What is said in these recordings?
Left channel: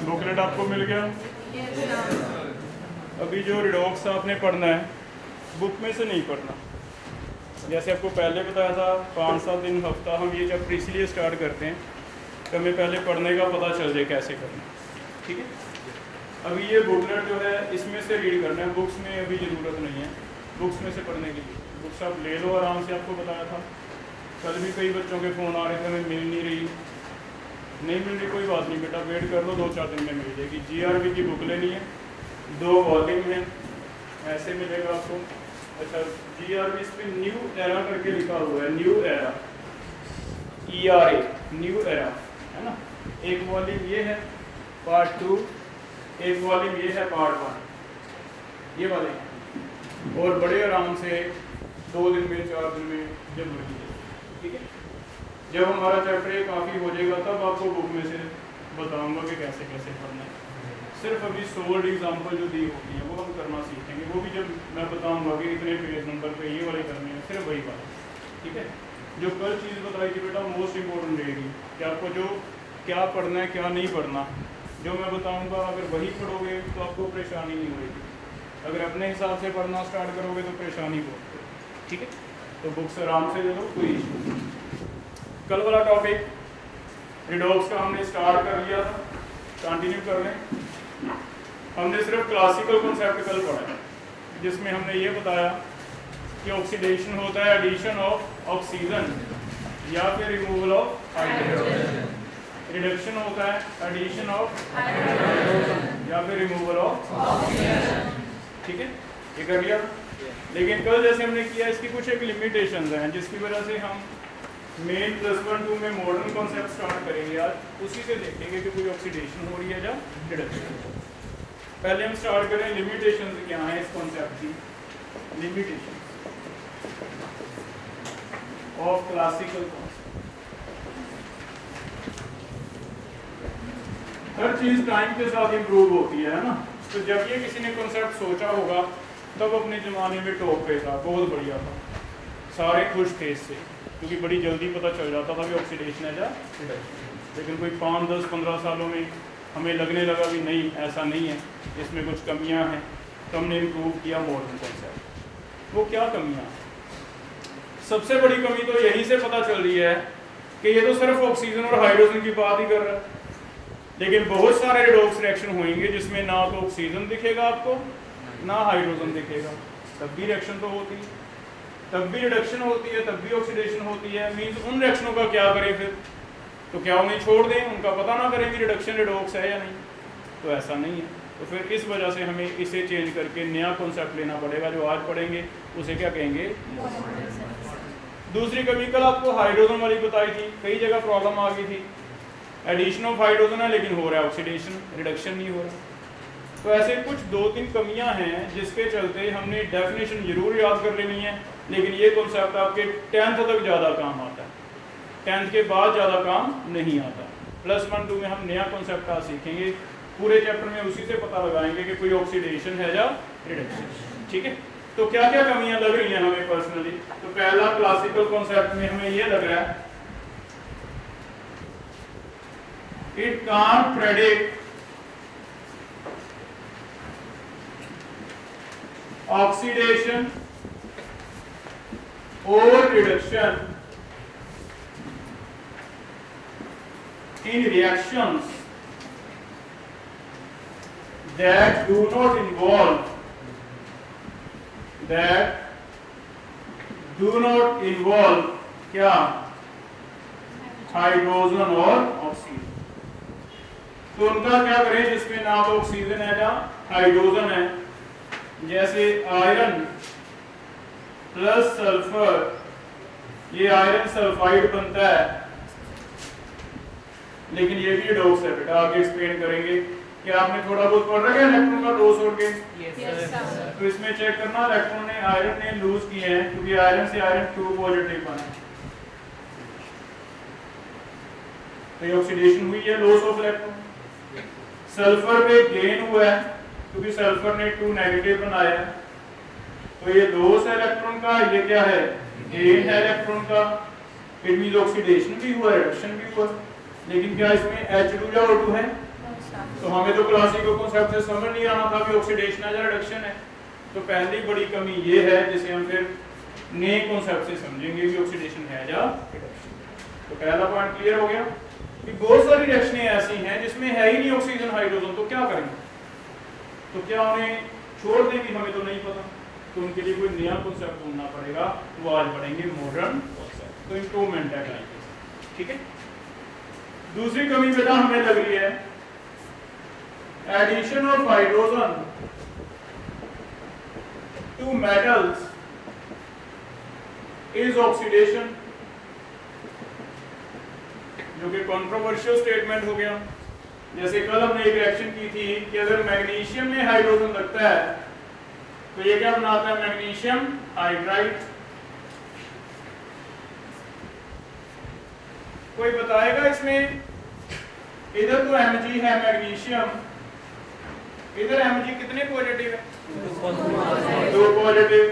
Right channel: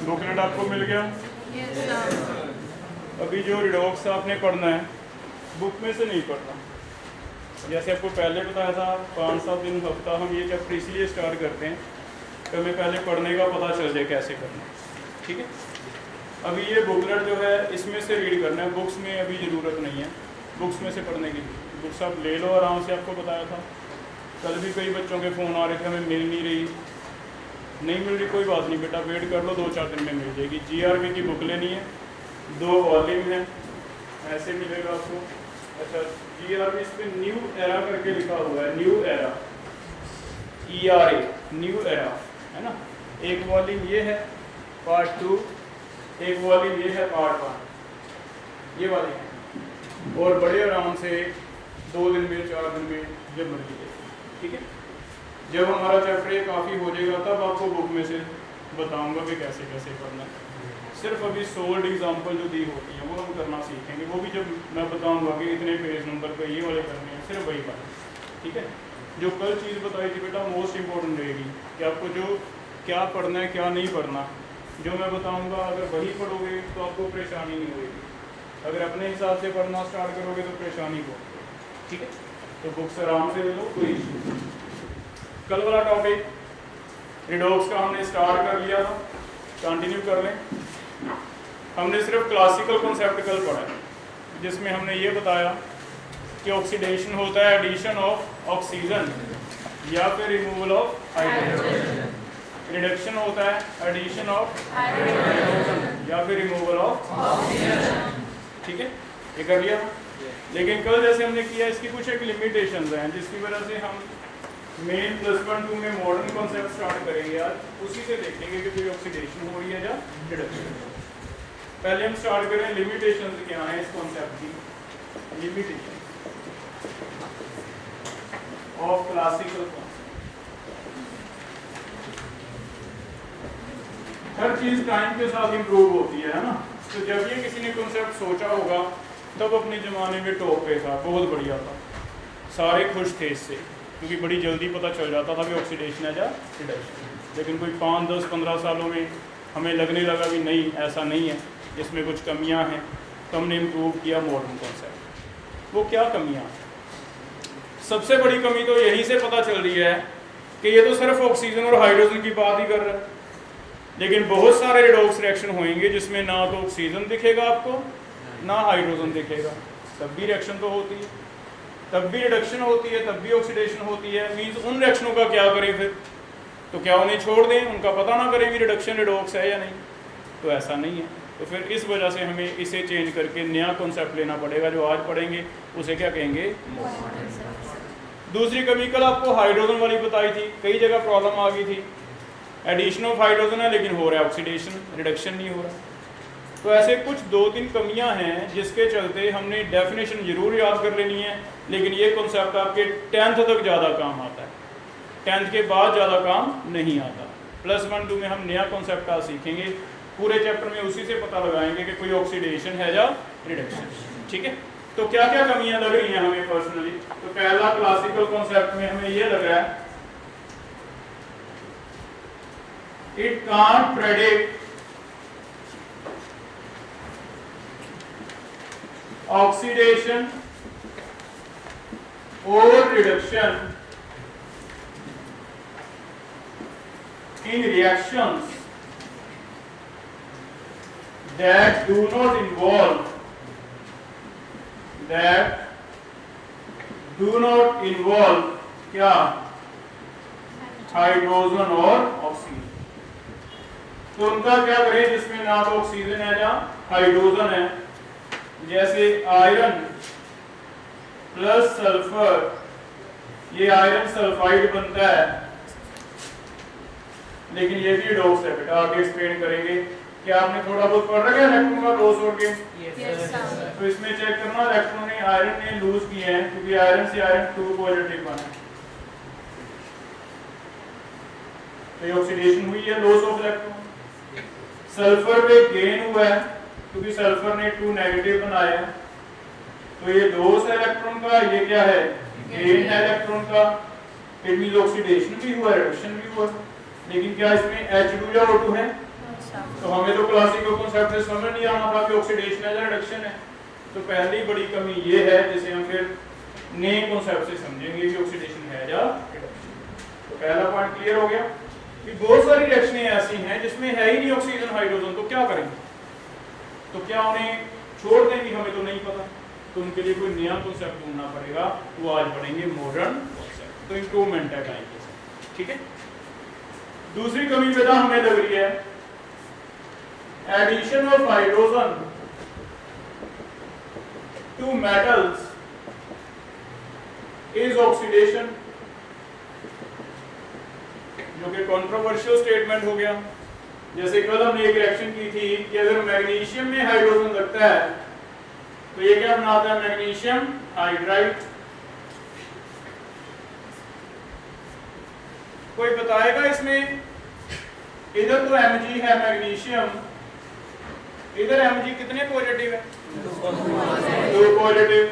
Booklet आपको मिल गया। अभी जो रिडॉक्स आपने पढ़ना है बुक में से नहीं पढ़ना। जैसे आपको पहले बताया था 5-7 दिन हफ्ता हम ये जब इसलिए स्टार्ट करते हैं कि हमें पहले पढ़ने का पता चल जाए कैसे करना है, ठीक है। अभी ये बुकलेट जो है इसमें से रीड करना है, बुक्स में अभी ज़रूरत नहीं है बुक्स में से पढ़ने की। बुक्स आप ले लो आराम से, आपको बताया था। कल भी कई बच्चों के फ़ोन आ रहे थे हमें मिल नहीं रही, नहीं मिल रही, कोई बात नहीं बेटा, वेट कर लो, 2-4 दिन में मिल जाएगी। GRV की बुक लेनी है, 2 वॉल्यूम है, ऐसे मिलेगा आपको। अच्छा, GRV इस पर न्यू एरा करके लिखा हुआ है, new era, ERA, new era, है ना। एक वॉल्यूम ये है पार्ट 2, एक वॉल्यूम ये है पार्ट 1, ये वाले हैं। और बड़े आराम से 2 दिन में 4 दिन में जब मर्जी दे, ठीक है। जब हमारा चैप्टर ये काफ़ी हो जाएगा तब आपको बुक में से बताऊंगा कि कैसे कैसे करना है। सिर्फ अभी सोल्ड एग्जाम्पल जो दी होगी है वो हम करना सीखेंगे, वो भी जब मैं बताऊंगा कि इतने पेज नंबर पे ये वाले करने हैं, सिर्फ वही बात, ठीक है। जो कल चीज़ बताई थी बेटा मोस्ट इम्पोर्टेंट रहेगी कि आपको जो क्या पढ़ना है क्या नहीं पढ़ना, जो मैं बताऊँगा अगर वही पढ़ोगे तो आपको परेशानी नहीं होगी। अगर अपने हिसाब से पढ़ना स्टार्ट करोगे तो परेशानी होगी, ठीक है। तो बुक्स आराम से ले लो, कोई इशू। कल वाला टॉपिक रिडॉक्स का हमने स्टार्ट कर लिया था, कंटिन्यू कर लें। हमने सिर्फ क्लासिकल कॉन्सेप्ट कल पढ़ा है, जिसमें हमने ये बताया कि ऑक्सीडेशन होता है एडिशन ऑफ ऑक्सीजन या फिर रिमूवल ऑफ हाइड्रोजन, रिडक्शन होता है एडिशन ऑफ हाइड्रोजन या फिर रिमूवल ऑफ ऑक्सीजन, ठीक है, ये कर लिया था। लेकिन कल जैसे हमने किया इसकी कुछ एक लिमिटेशंस हैं जिसकी वजह से हम मेन +1-2 में मॉडर्न कॉन्सेप्ट स्टार्ट करेंगे आज, उसी से देखेंगे कि कोई ऑक्सीडेशन हो रही है या रिडक्शन। पहले हम स्टार्ट करें लिमिटेशंस क्या हैं इस कॉन्सेप्ट की। Limitation of classical concept. हर चीज टाइम के साथ इंप्रूव होती है ना। तो जब ये किसी ने कॉन्सेप्ट सोचा होगा तब अपने ज़माने में टॉप पे था, बहुत बढ़िया था, सारे खुश थे इससे, क्योंकि बड़ी जल्दी पता चल जाता था कि ऑक्सीडेशन है या रिडक्शन। लेकिन कोई 5, 10, 15 सालों में हमें लगने लगा कि नहीं, ऐसा नहीं है, इसमें कुछ कमियां हैं, तो हमने इम्प्रूव किया मॉडर्न कॉन्सेप्ट। वो क्या कमियां हैं? सबसे बड़ी कमी तो यही से पता चल रही है कि ये तो सिर्फ ऑक्सीजन और हाइड्रोजन की बात ही कर रहा है, लेकिन बहुत सारे रिडॉक्स रिएक्शन होंगे जिसमें ना तो ऑक्सीजन दिखेगा आपको ना हाइड्रोजन दिखेगा, तब भी रिएक्शन तो होती है, तब भी रिडक्शन होती है, तब भी ऑक्सीडेशन होती है। मीन्स उन रिएक्शनों का क्या करें फिर? तो क्या उन्हें छोड़ दें, उनका पता ना करें कि रिडक्शन रिडॉक्स है या नहीं? तो ऐसा नहीं है। तो फिर इस वजह से हमें इसे चेंज करके नया कॉन्सेप्ट लेना पड़ेगा, जो आज पढ़ेंगे उसे क्या कहेंगे? दूसरी कमी कल आपको हाइड्रोजन वाली बताई थी, कई जगह प्रॉब्लम आ गई थी। एडिशन ऑफ हाइड्रोजन है लेकिन हो रहा है ऑक्सीडेशन, रिडक्शन नहीं हो रहा। तो ऐसे कुछ 2-3 कमियां हैं जिसके चलते हमने डेफिनेशन जरूर याद कर लेनी है, लेकिन ये कॉन्सेप्ट आपके 10th तक ज़्यादा काम आता है, 10th के बाद ज़्यादा काम नहीं आता। +1-2 में हम नया कॉन्सेप्ट आज सीखेंगे, पूरे चैप्टर में उसी से पता लगाएंगे कि कोई ऑक्सीडेशन है या रिडक्शन, ठीक है। तो क्या क्या कमियां लग रही हैं हमें पर्सनली? तो पहला क्लासिकल कॉन्सेप्ट में हमें ये लग रहा है, it can't predict oxidation or reduction in reactions that do not involve क्या? हाइड्रोजन और ऑक्सीजन। तो उनका क्या करें जिसमें ना तो ऑक्सीजन है या हाइड्रोजन है? जैसे आयरन प्लस सल्फर, ये आयरन सल्फाइड बनता है, लेकिन ये भी रिडॉक्स है बेटा, आगे एक्सप्लेन करेंगे। क्या आपने थोड़ा बहुत पढ़ रखा है इलेक्ट्रॉन का लॉस और गेन? तो इसमें चेक करना इलेक्ट्रॉन ने आयरन ने लूज किए हैं, क्योंकि आयरन से आयरन 2 पॉजिटिव बना है, ऑक्सीडेशन हुई है, लॉस ऑफ इलेक्ट्रॉन। सल्फर पे गेन हुआ है क्योंकि सल्फर ने 2 नेगेटिव बनाया है, तो ये लॉस है इलेक्ट्रॉन का, ये क्या है? गेन है इलेक्ट्रॉन का। फिर भी ऑक्सीडेशन भी हुआ, रिडक्शन भी हुआ, लेकिन क्या इसमें H2 या O2 है? तो हमें तो क्लासिकल कॉन्सेप्ट से समझ नहीं आना था कि ऑक्सीडेशन है या रिडक्शन है। तो पहली बड़ी कमी ये है जिसे हम फिर नए कॉन्सेप्ट से समझेंगे कि ऑक्सीडेशन है या रिडक्शन। तो पहला पॉइंट क्लियर हो गया कि बहुत सारी रिएक्शनें ऐसी हैं जिसमें है ही नहीं ऑक्सीजन हाइड्रोजन, तो क्या करेंगे? तो क्या उन्हें छोड़ दें कि हमें तो नहीं पता? तो उनके लिए कोई नया कॉन्सेप्ट ढूंढना पड़ेगा। वो आज पढ़ेंगे मॉडर्न कॉन्सेप्ट। तो इम्प्रूवमेंट है एप्लीकेशन, ठीक है। दूसरी कमी बेटा हमें लग रही है addition of hydrogen to metals is oxidation, जो कि कंट्रोवर्शियल स्टेटमेंट हो गया। जैसे कल हमने एक रिएक्शन की थी कि अगर मैग्नीशियम में हाइड्रोजन लगता है तो ये क्या बनाता है? Magnesium hydride. कोई बताएगा इसमें? इधर तो Mg है मैग्नीशियम, इधर Mg कितने पॉजिटिव है? 2 पॉजिटिव।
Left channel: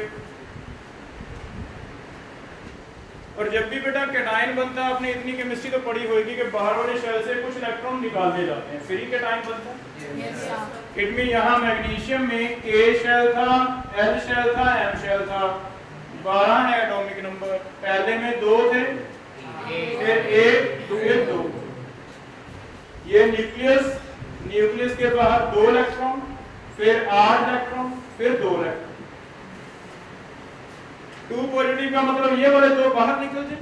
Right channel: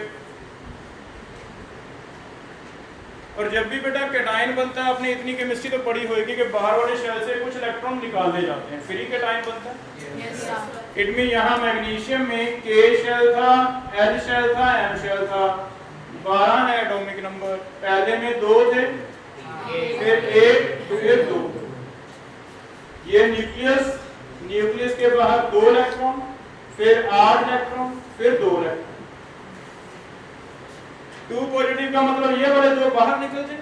और जब भी बेटा कैटायन बनता है, आपने इतनी केमिस्ट्री तो पढ़ी होगी कि बाहर वाले शेल से कुछ इलेक्ट्रॉन निकाले जाते हैं, फिर ही कैटायन बनता है। इट मीन यहाँ मैग्नीशियम में K शेल था, L शेल था, M शेल था, 12 है एटॉमिक नंबर। पहले में 2 थे, फिर 1, फिर 2। ये न्यूक्लियस, न्यूक्लियस के बाहर 2 इलेक्ट्रॉन, फिर 8 इलेक्ट्रॉन, फिर 2 इलेक्ट्रॉन। 2 पॉजिटिव का मतलब ये वाले 2 बाहर निकल जाए।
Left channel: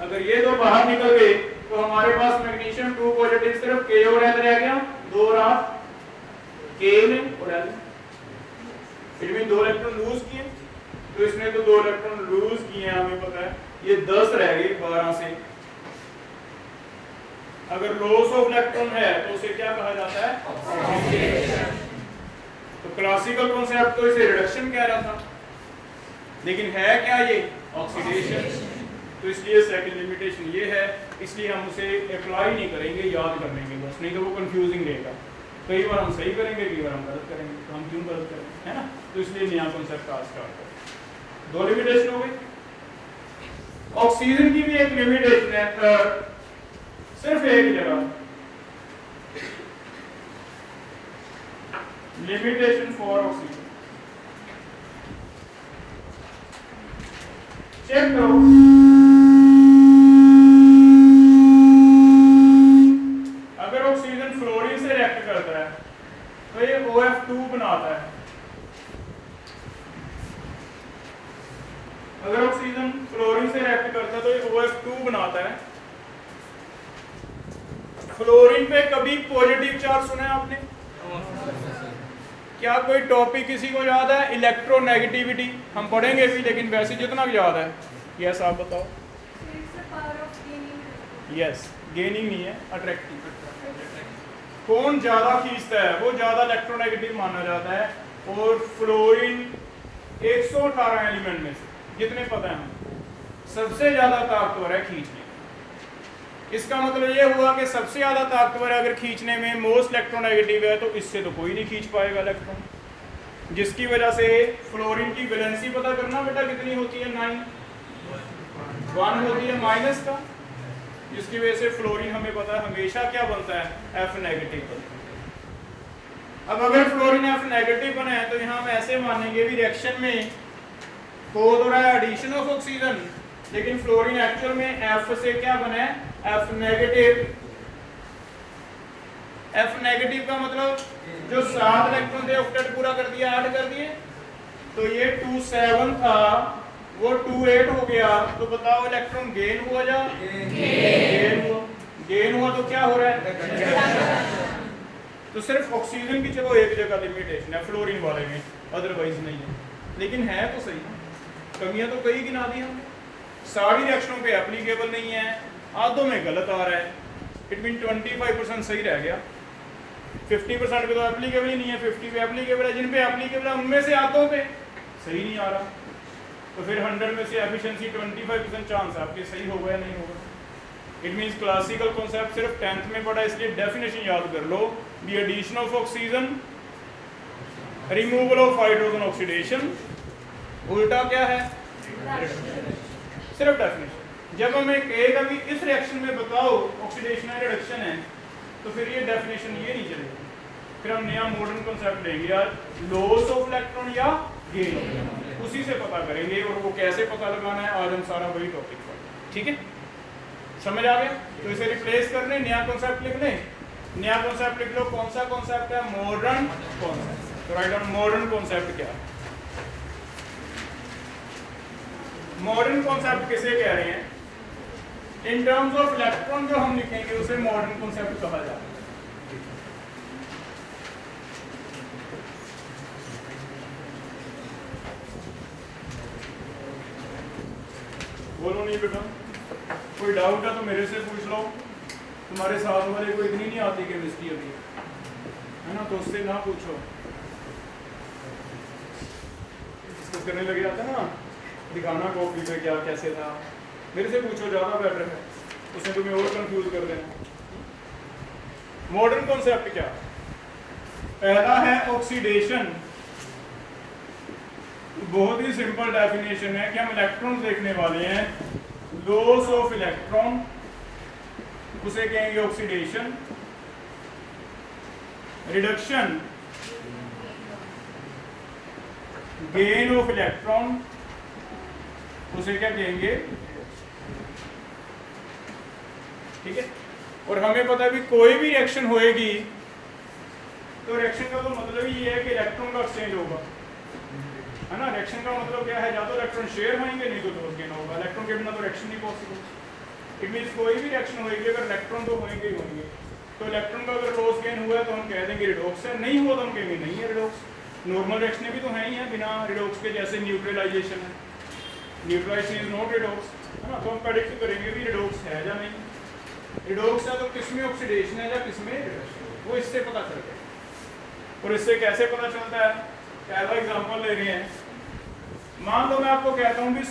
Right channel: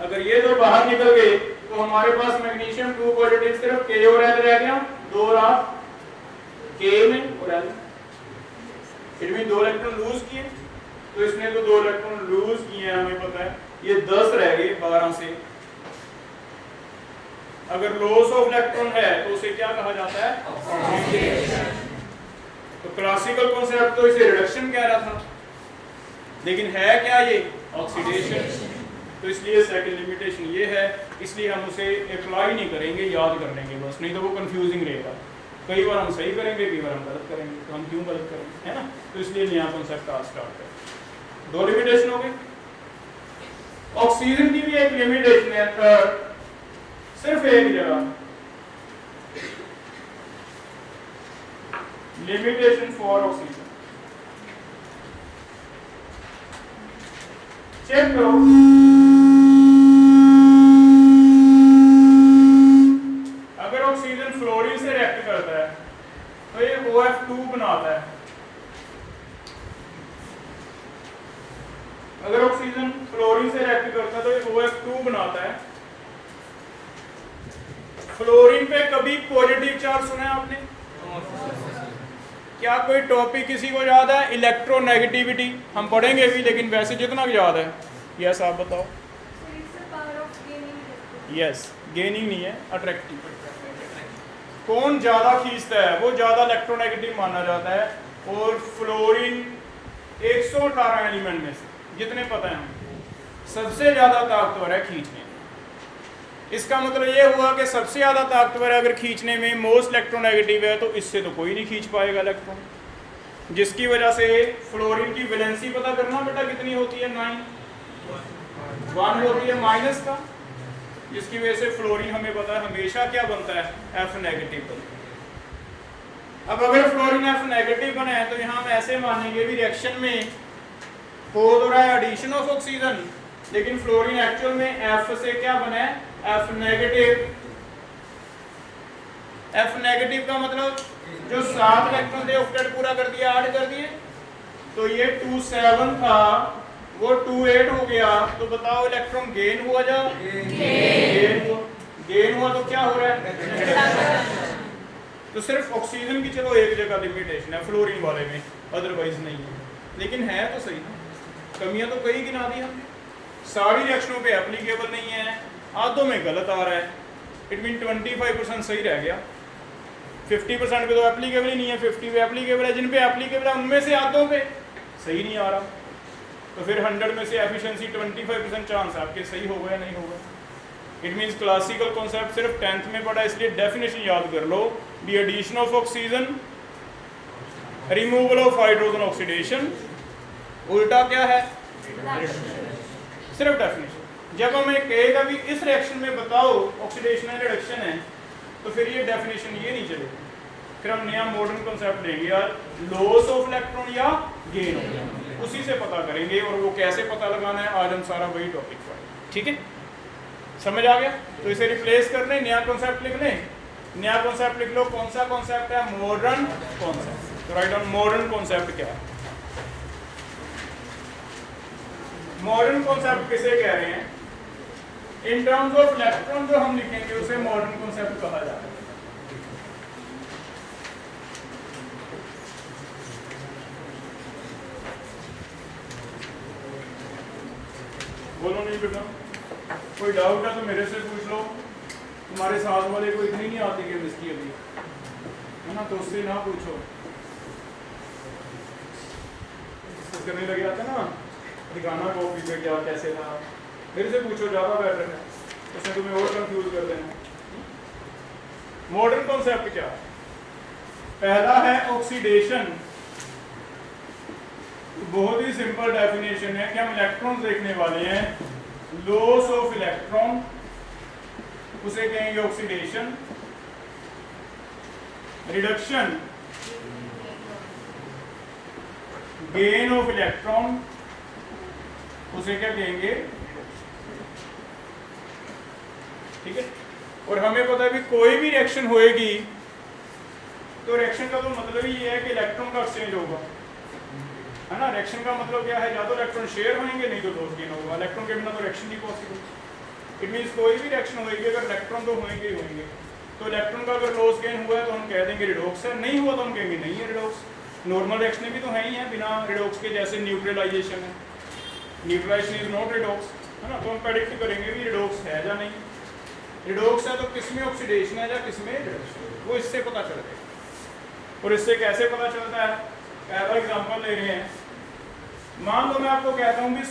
अगर ये 2 बाहर निकल गए तो हमारे पास मैग्नीशियम 2 पॉजिटिव सिर्फ K और L रह गया, 2 रहा K में और L। इसमें 2 इलेक्ट्रॉन लूज किए, तो इसने तो 2 इलेक्ट्रॉन लूज किए हैं, हमें पता है। ये 10 रह गए 12 से। अगर लॉस ऑफ इलेक्ट्रॉन है तो उसे क्या कहा जाता है? ऑक्सीडेशन। तो क्लासिकल कॉन्सेप्ट तो इसे रिडक्शन कह रहा था, लेकिन है क्या ये? ऑक्सीडेशन। तो इसलिए सेकंड लिमिटेशन ये है, इसलिए हम उसे अप्लाई नहीं करेंगे, याद कर लेंगे बस, नहीं तो वो कंफ्यूजिंग रहेगा। कई बार हम सही करेंगे, कई बार हम गलत करेंगे, तो हम क्यों गलत करेंगे, है ना। तो इसलिए नया कॉन्सेप्ट आज स्टार्ट करें। 2 लिमिटेशन हो गई। ऑक्सीजन की भी एक लिमिटेशन है, थर्ड, सिर्फ एक जगह लिमिटेशन फॉर ऑक्सीजन। चेक करो, अगर ऑक्सीजन फ्लोरीन से रिएक्ट करता है तो ये OF2 बनाता है। अगर ऑक्सीजन फ्लोरीन से रिएक्ट करता है तो ये OF2 बनाता है। फ्लोरीन पे कभी पॉजिटिव चार्ज सुना है आपने? क्या कोई टॉपिक किसी को याद है? इलेक्ट्रोनेगेटिविटी हम पढ़ेंगे भी, लेकिन वैसे जितना भी याद है। यस आप बताओ। यस, गेनिंग नहीं है, अट्रैक्टिव। कौन ज्यादा खींचता है वो ज्यादा इलेक्ट्रोनेगेटिव माना जाता है। और फ्लोरीन 118 एलिमेंट में से जितने पता है सबसे ज्यादा ताकतवर है खींचने। इसका मतलब ये हुआ कि सबसे ज्यादा ताकतवर अगर खींचने में मोस्ट इलेक्ट्रोनेगेटिव है, तो इससे तो कोई नहीं खींच पाएगा इलेक्ट्रॉन, जिसकी वजह से फ्लोरीन की वैलेंसी पता करना बेटा कितनी होती है? 9, 1 होती है माइनस का, जिसकी वजह से फ्लोरीन हमें पता है हमेशा क्या बनता है? F नेगेटिव बनता है। अब अगर फ्लोरीन F नेगेटिव बना है तो यहाँ हम ऐसे मानेंगे भी रिएक्शन में हो तो रहा है एडिशन ऑफ ऑक्सीजन, लेकिन फ्लोरीन एक्चुअल में F से क्या बना है? F negative. F नेगेटिव का मतलब जो 7 इलेक्ट्रॉन थे ऑक्टेट पूरा कर दिया, 8 कर दिए, तो ये 27 था वो 28 हो गया। तो बताओ इलेक्ट्रॉन गेन हुआ जा गेन हुआ तो क्या हो रहा है? तो सिर्फ ऑक्सीजन की चलो एक जगह लिमिटेशन है फ्लोरीन वाले में, अदरवाइज नहीं है। लेकिन है तो सही, कमियां तो कई गिना दी हमने। सारी रिएक्शनों पे एप्लीकेबल नहीं है, आधों में गलत आ रहा है। इट मीन 25% सही रह गया, 50% पे तो एप्लीकेबल ही नहीं है, 50 पे एप्लीकेबल है। जिन पे एप्लीकेबल है उनमें से आधों पे सही नहीं आ रहा, तो फिर 100 में से एफिशिएंसी 25% चांस है आपके सही होगा या नहीं होगा। इट मीन्स क्लासिकल कॉन्सेप्ट सिर्फ 10th में पढ़ा, इसलिए डेफिनेशन याद कर लो। The addition of oxygen, removal of hydrogen oxidation, उल्टा क्या है? सिर्फ डेफिनेशन। जब हमें कहेगा भी इस रिएक्शन में बताओ ऑक्सीडेशन है रिडक्शन है, तो फिर ये डेफिनेशन ये नहीं चलेगी। फिर हम नया मॉडर्न कॉन्सेप्ट लेंगे यार, लॉस ऑफ इलेक्ट्रॉन या गेन, उसी से पता करेंगे। और वो कैसे पता लगाना है, आज हम सारा वही टॉपिक पर, ठीक है, समझ आ गया। तो इसे रिप्लेस करने, नया कॉन्सेप्ट लिखने, नया कॉन्सेप्ट लिख लो। कौन सा कॉन्सेप्ट है? Modern concept. तो राइट डाउन मॉडर्न कॉन्सेप्ट क्या है। मॉडर्न कॉन्सेप्ट किसे कह रहे हैं? इन टर्म्स ऑफ इलेक्ट्रॉन जो हम लिखेंगे उसे मॉडर्न कॉन्सेप्ट कहा जाता है। बोलो नहीं बेटा, कोई डाउट है तो मेरे से पूछ लो। तुम्हारे साथ वाले को इतनी नहीं आती केमिस्ट्री अभी, है ना, तो उससे ना पूछो। डिस्कस करने लगे आता ना, दिखाना कॉपी पे क्या कैसे था, मेरे से पूछो, ज़्यादा बेटर है, उसमें तुम्हें और कंफ्यूज कर देना। मॉडर्न कॉन्सेप्ट क्या? पहला है ऑक्सीडेशन। बहुत ही सिंपल डेफिनेशन है कि हम इलेक्ट्रॉन देखने वाले हैं। लॉस ऑफ इलेक्ट्रॉन उसे कहेंगे oxidation. Reduction gain of electron उसे क्या कहेंगे? ठीक है। और हमें पता भी कोई भी रिएक्शन होएगी तो रिएक्शन का तो मतलब ही ये है कि इलेक्ट्रॉन का एक्सचेंज होगा, है ना। रिएक्शन का मतलब क्या है? या तो इलेक्ट्रॉन शेयर होंगे, नहीं तो लॉस गेन होगा। इलेक्ट्रॉन के बिना तो रिएक्शन नहीं पॉसिबल। इट मींस कोई भी रिएक्शन होगी अगर इलेक्ट्रॉन तो होंगे ही होंगे। तो इलेक्ट्रॉन का अगर लॉस गेन हुआ तो हम कह देंगे रिडॉक्स है, नहीं हुआ तो हम कहेंगे नहीं है रिडॉक्स। नॉर्मल रिएक्शन भी तो है ही है बिना रिडॉक्स के, जैसे न्यूट्रलाइजेशन है, न्यूट्रलाइजेशन इज नॉट रिडॉक्स, है ना। तो हम प्रेडिक्ट करेंगे कि रिडॉक्स है या नहीं। रिडॉक्स है तो किसमें ऑक्सीडेशन है या किसमें रिडक्शन, वो इससे पता चल जाएगा। और इससे कैसे पता चलता है? पहला एग्जांपल ले रहे हैं। मान लो मैं आपको कहता हूं कि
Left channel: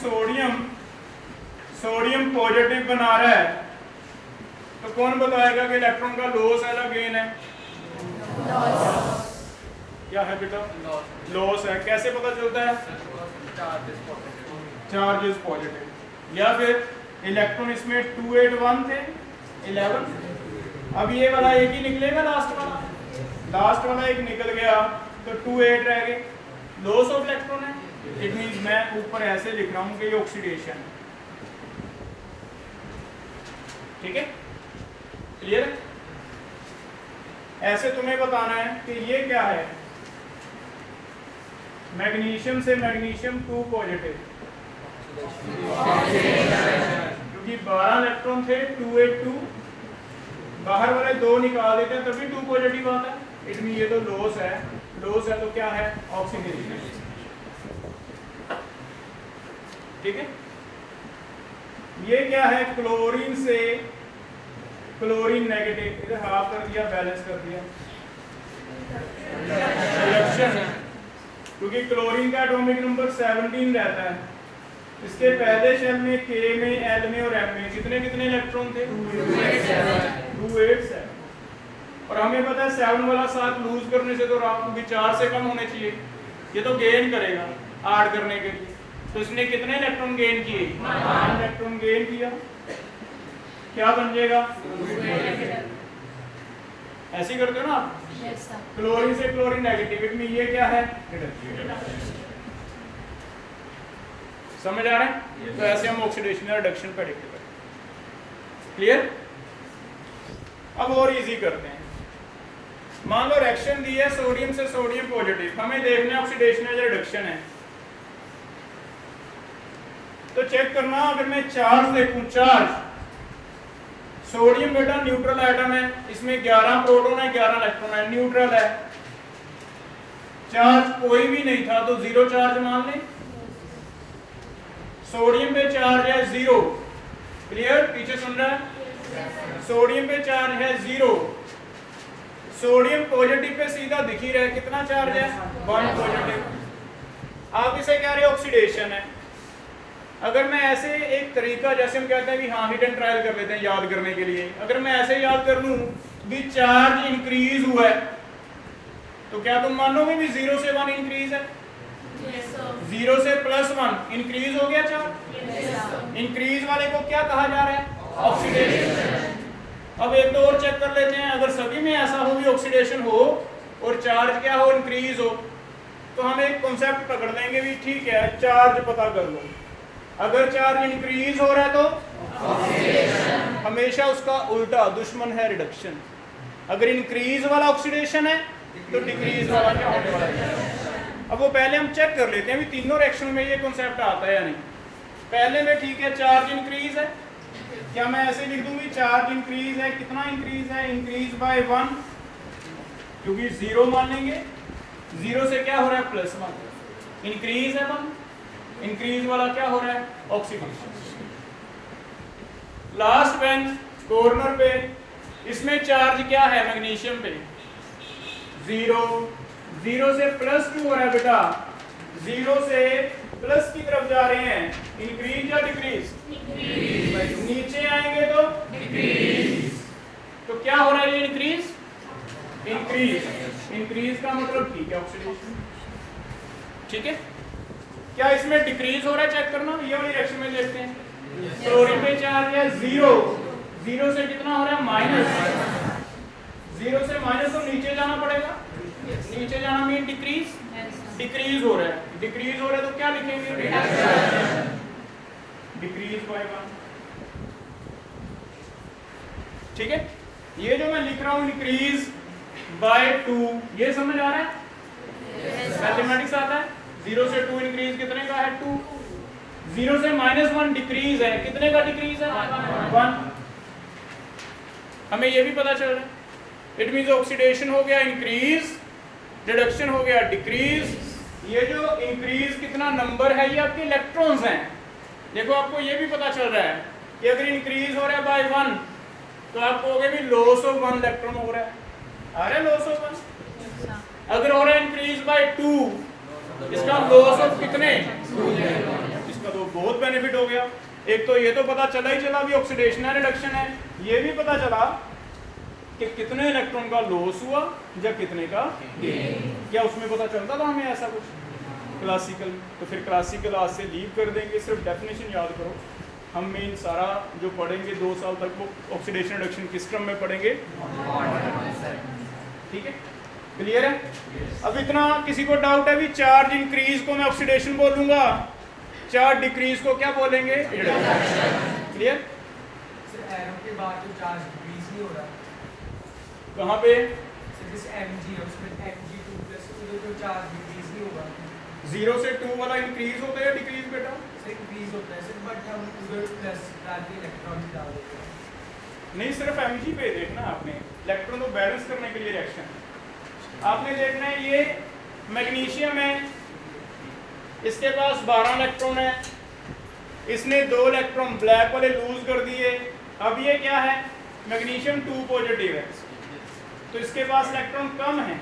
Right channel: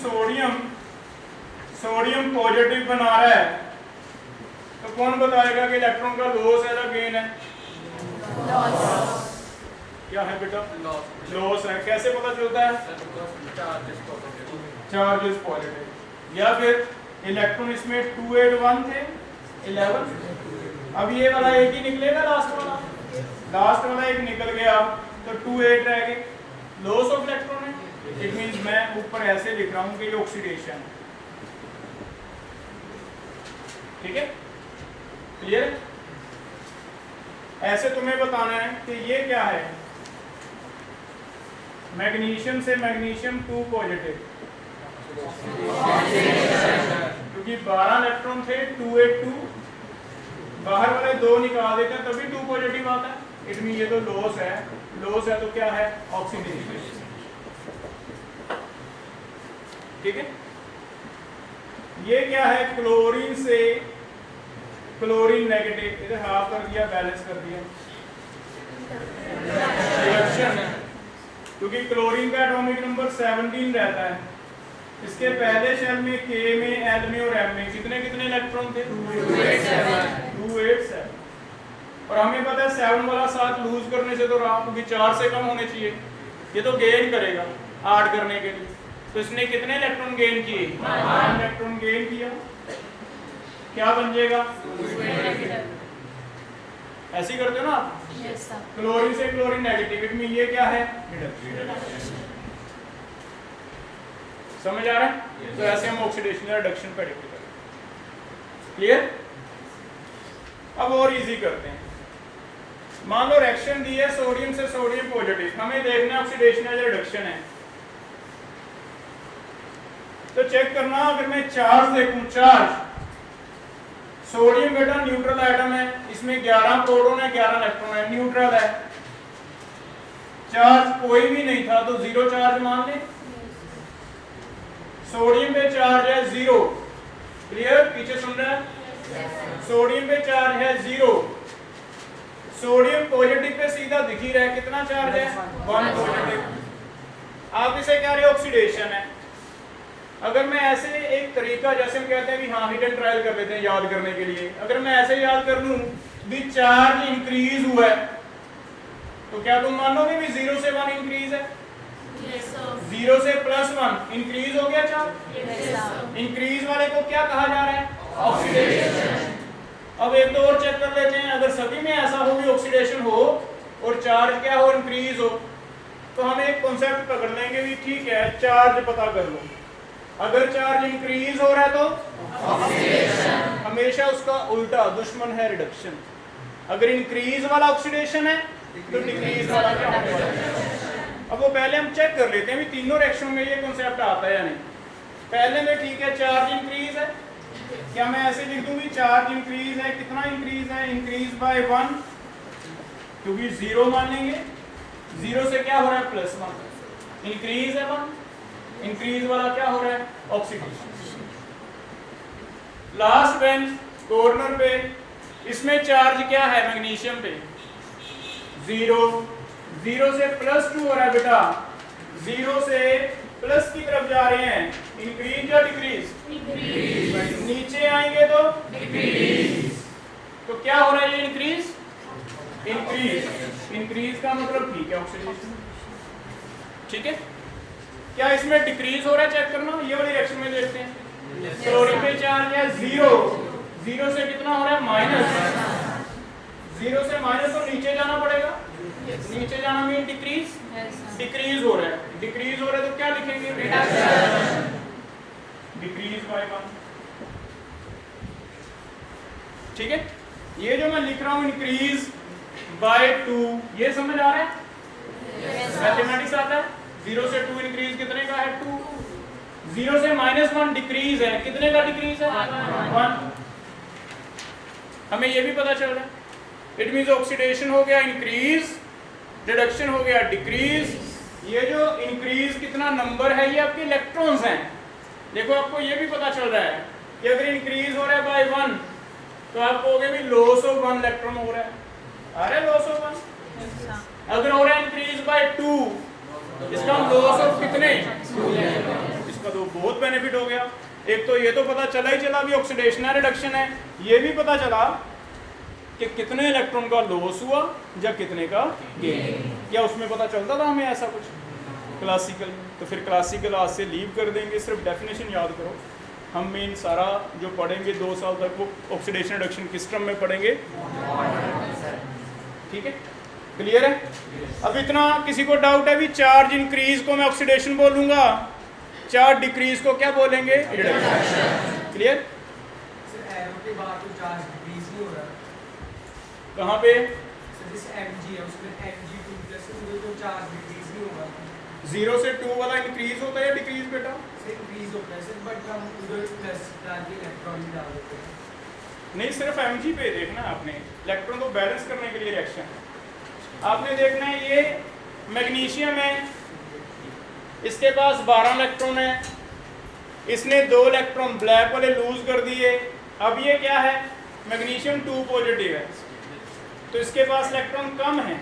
सोडियम पॉजिटिव बना रहा है, तो कौन बताएगा कि इलेक्ट्रॉन का लॉस है या गेन है? क्या है बेटा? लॉस है। कैसे पता चलता है? Charge is positive. या फिर इलेक्ट्रॉन इसमें 2 8 1 थे 11, अब ये वाला एक ही निकलेगा, लास्ट वाला एक निकल गया तो 2 8 रह गए, लॉस ऑफ इलेक्ट्रॉन है। इट मींस मैं ऊपर ऐसे लिख रहा हूं कि ये ऑक्सीडेशन है, ठीक है, क्लियर। ऐसे तुम्हें बताना है कि ये क्या है। मैग्नीशियम से मैग्नीशियम 2 पॉजिटिव, क्योंकि 12 इलेक्ट्रॉन थे, 2 8 2, बाहर वाले 2 निकाल देते हैं तभी 2 पॉजिटिव आता है। इट मीन ये तो लॉस है, लॉस है तो क्या है? ऑक्सीडेशन, ठीक है। ये क्या है? क्लोरीन से क्लोरीन नेगेटिव, इधर हाफ कर दिया, बैलेंस कर दिया, रिडक्शन है, क्योंकि क्लोरीन का एटॉमिक नंबर 17 रहता है। इसके पहले शेल में K में, L में और M में कितने कितने इलेक्ट्रॉन थे? 2 8 7। और हमें पता है 7 वाला 7 लूज करने से तो रहा, क्योंकि 4 से कम होने चाहिए। ये तो गेन करेगा ऐड करने के लिए, तो इसने कितने इलेक्ट्रॉन गेन किए? 1 इलेक्ट्रॉन गेन किया। क्या बन जाएगा? ऐसे ही करते हो ना आप? क्लोरीन से क्लोरीन नेगेटिव, इट मीन ये क्या है? रिडक्शन। समझ आ रहा है? तो ऐसे हम ऑक्सीडेशन या रिडक्शन प्रेडिक्ट करते हैं। क्लियर? अब और इजी करते हैं। मान लो रिएक्शन दी है सोडियम से सोडियम पॉजिटिव, हमें देखना है ऑक्सीडेशन है या रिडक्शन है। तो चेक करना, अगर मैं चार्ज देखूं, चार्ज, सोडियम बेटा न्यूट्रल एटम है, इसमें 11 प्रोटॉन है 11 इलेक्ट्रॉन है, न्यूट्रल है। चार्ज कोई भी नहीं था तो 0 चार्ज मान लें। सोडियम पे चार्ज है 0, क्लियर? पीछे सुन रहा है? सोडियम पे चार्ज है 0, सोडियम पॉजिटिव पे सीधा दिख ही रहा है, कितना चार्ज है? 1 पॉजिटिव। आप इसे कह रहे हो ऑक्सीडेशन है। अगर मैं ऐसे एक तरीका, जैसे हम कहते हैं कि हाँ हिट एंड ट्रायल कर लेते हैं याद करने के लिए, अगर मैं ऐसे याद कर लूं भी चार्ज इंक्रीज हुआ है, तो क्या तुम मानोगे भी 0 से 1 इंक्रीज है? 0 से +1 इंक्रीज हो गया चार्ज। इंक्रीज वाले को क्या कहा जा रहा है? ऑक्सीडेशन। अब एक तो और चेक कर लेते हैं, अगर सभी में ऐसा हो भी ऑक्सीडेशन हो और चार्ज क्या हो, इंक्रीज हो, तो हम एक कॉन्सेप्ट पकड़ लेंगे भी ठीक है, चार्ज पता कर लो। अगर चार्ज इंक्रीज हो रहा है तो ऑक्सीडेशन, हमेशा उसका उल्टा दुश्मन है रिडक्शन। अगर इंक्रीज वाला ऑक्सीडेशन है तो डिक्रीज वाला क्या होने वाला है। अब वो पहले हम चेक कर लेते हैं भी तीनों रिएक्शन में ये कॉन्सेप्ट आता है या नहीं। पहले में ठीक है, चार्ज इंक्रीज है, क्या मैं ऐसे लिख दूंगी चार्ज इंक्रीज है, कितना इंक्रीज है, इंक्रीज बाय 1, क्योंकि 0 मान लेंगे, 0 से क्या हो रहा है +1, इंक्रीज है 1, इंक्रीज वाला क्या हो रहा है ऑक्सीडेशन। लास्ट बेंच कॉर्नर पे इसमें चार्ज क्या है मैग्नीशियम पे 0, 0 से +2 हो रहा है बेटा, 0 से प्लस की तरफ जा रहे हैं, इंक्रीज या डिक्रीज, नीचे आएंगे तो डिक्रीज, तो क्या हो रहा है ये इंक्रीज, इंक्रीज, इंक्रीज का मतलब ठीक है ऑक्सीडेशन, ठीक है। क्या इसमें डिक्रीज हो रहा है, चेक करना, ये वाली रिएक्शन में देखते हैं। क्लोरीन पे चार्ज है 0, 0 से कितना हो रहा है माइनस, 0 से माइनस तो नीचे जाना पड़ेगा, नीचे जाना मीन डिक्रीज, डिक्रीज हो रहा है, डिक्रीज हो रहा है तो क्या लिखेंगे, डिक्रीज बाय 1, ठीक है। ये जो मैं लिख रहा हूं इंक्रीज बाय 2, ये समझ आ रहा है, मैथमेटिक्स आता है। 0 से 2 इंक्रीज कितने का है 2, 0 से -1 डिक्रीज है, कितने का डिक्रीज है 1। हमें ये भी पता चल रहा है, इट मींस ऑक्सीडेशन हो गया इंक्रीज, रिडक्शन हो गया डिक्रीज। ये जो इंक्रीज कितना नंबर है, ये आपके इलेक्ट्रॉन्स हैं। देखो आपको ये भी पता चल रहा है कि अगर इंक्रीज हो रहा है बाय 1 तो आप कहोगे भी लॉस ऑफ 1 इलेक्ट्रॉन हो रहा है, अरे लॉस ऑफ 1। अगर हो रहा है इंक्रीज बाय 2, इसका लॉस ऑफ कितने, इसका तो बहुत बेनिफिट हो गया। एक तो ये तो पता चला ही चला भी ऑक्सीडेशन है रिडक्शन है, ये भी पता चला कि कितने इलेक्ट्रॉन का लॉस हुआ या कितने का गेन। क्या उसमें पता चलता था हमें ऐसा कुछ क्लासिकल? तो फिर क्लासिकल आज से लीव कर देंगे, सिर्फ डेफिनेशन याद करो। हम मेन सारा जो पढ़ेंगे 2 साल तक वो ऑक्सीडेशन रिडक्शन किस क्रम में पढ़ेंगे, ठीक है, क्लियर है। अब इतना किसी को डाउट है भी चार्ज इंक्रीज को मैं ऑक्सीडेशन बोलूंगा, चार्ज डिक्रीज को क्या बोलेंगे, रिडक्शन, क्लियर। कहाँ पे 0 से 2 वाला इंक्रीज होता है या डिक्रीज बेटा, इंक्रीज होता है सर, बट हम उधर प्लस डाल के इलेक्ट्रॉन डाल देते हैं। नहीं, सिर्फ Mg पे देखना आपने, इलेक्ट्रॉन को बैलेंस करने के लिए रिएक्शन आपने देखना है। ये मैग्नीशियम है, इसके पास 12 इलेक्ट्रॉन है, इसने 2 इलेक्ट्रॉन ब्लैक वाले लूज कर दिए। अब ये क्या है, मैग्नीशियम 2 पॉजिटिव है, तो इसके पास इलेक्ट्रॉन कम है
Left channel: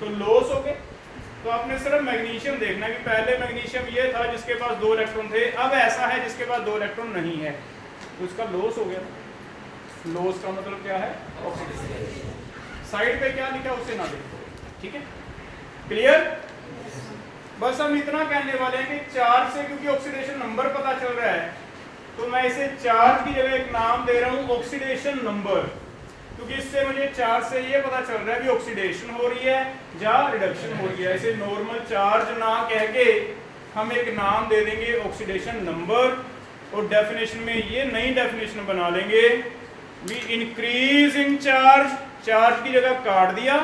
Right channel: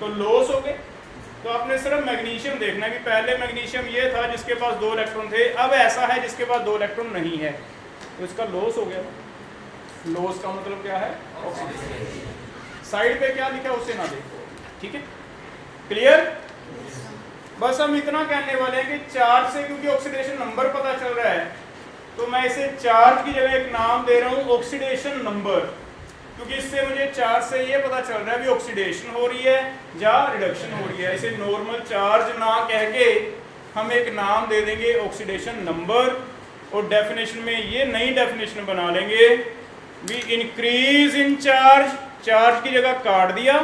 तो लॉस हो गए। तो आपने सिर्फ मैग्नीशियम देखना है कि पहले मैग्नीशियम ये था जिसके पास 2 इलेक्ट्रॉन थे, अब ऐसा है जिसके पास 2 इलेक्ट्रॉन नहीं है, तो इसका लॉस हो गया। लॉस का मतलब क्या है, साइड पे क्या लिखा है उससे ना देखो, ठीक है, क्लियर। बस हम इतना कहने वाले हैं कि चार्ज से क्योंकि ऑक्सीडेशन नंबर पता चल रहा है, तो मैं इसे चार्ज की जगह एक नाम दे रहा हूँ ऑक्सीडेशन नंबर, क्योंकि इससे मुझे चार्ज से ये पता चल रहा है भी ऑक्सीडेशन हो रही है या रिडक्शन हो रही है। इसे नॉर्मल चार्ज ना कह के हम एक नाम दे देंगे ऑक्सीडेशन नंबर, और डेफिनेशन में ये नई डेफिनेशन बना लेंगे भी इंक्रीज इन चार्ज, चार्ज की जगह काट दिया,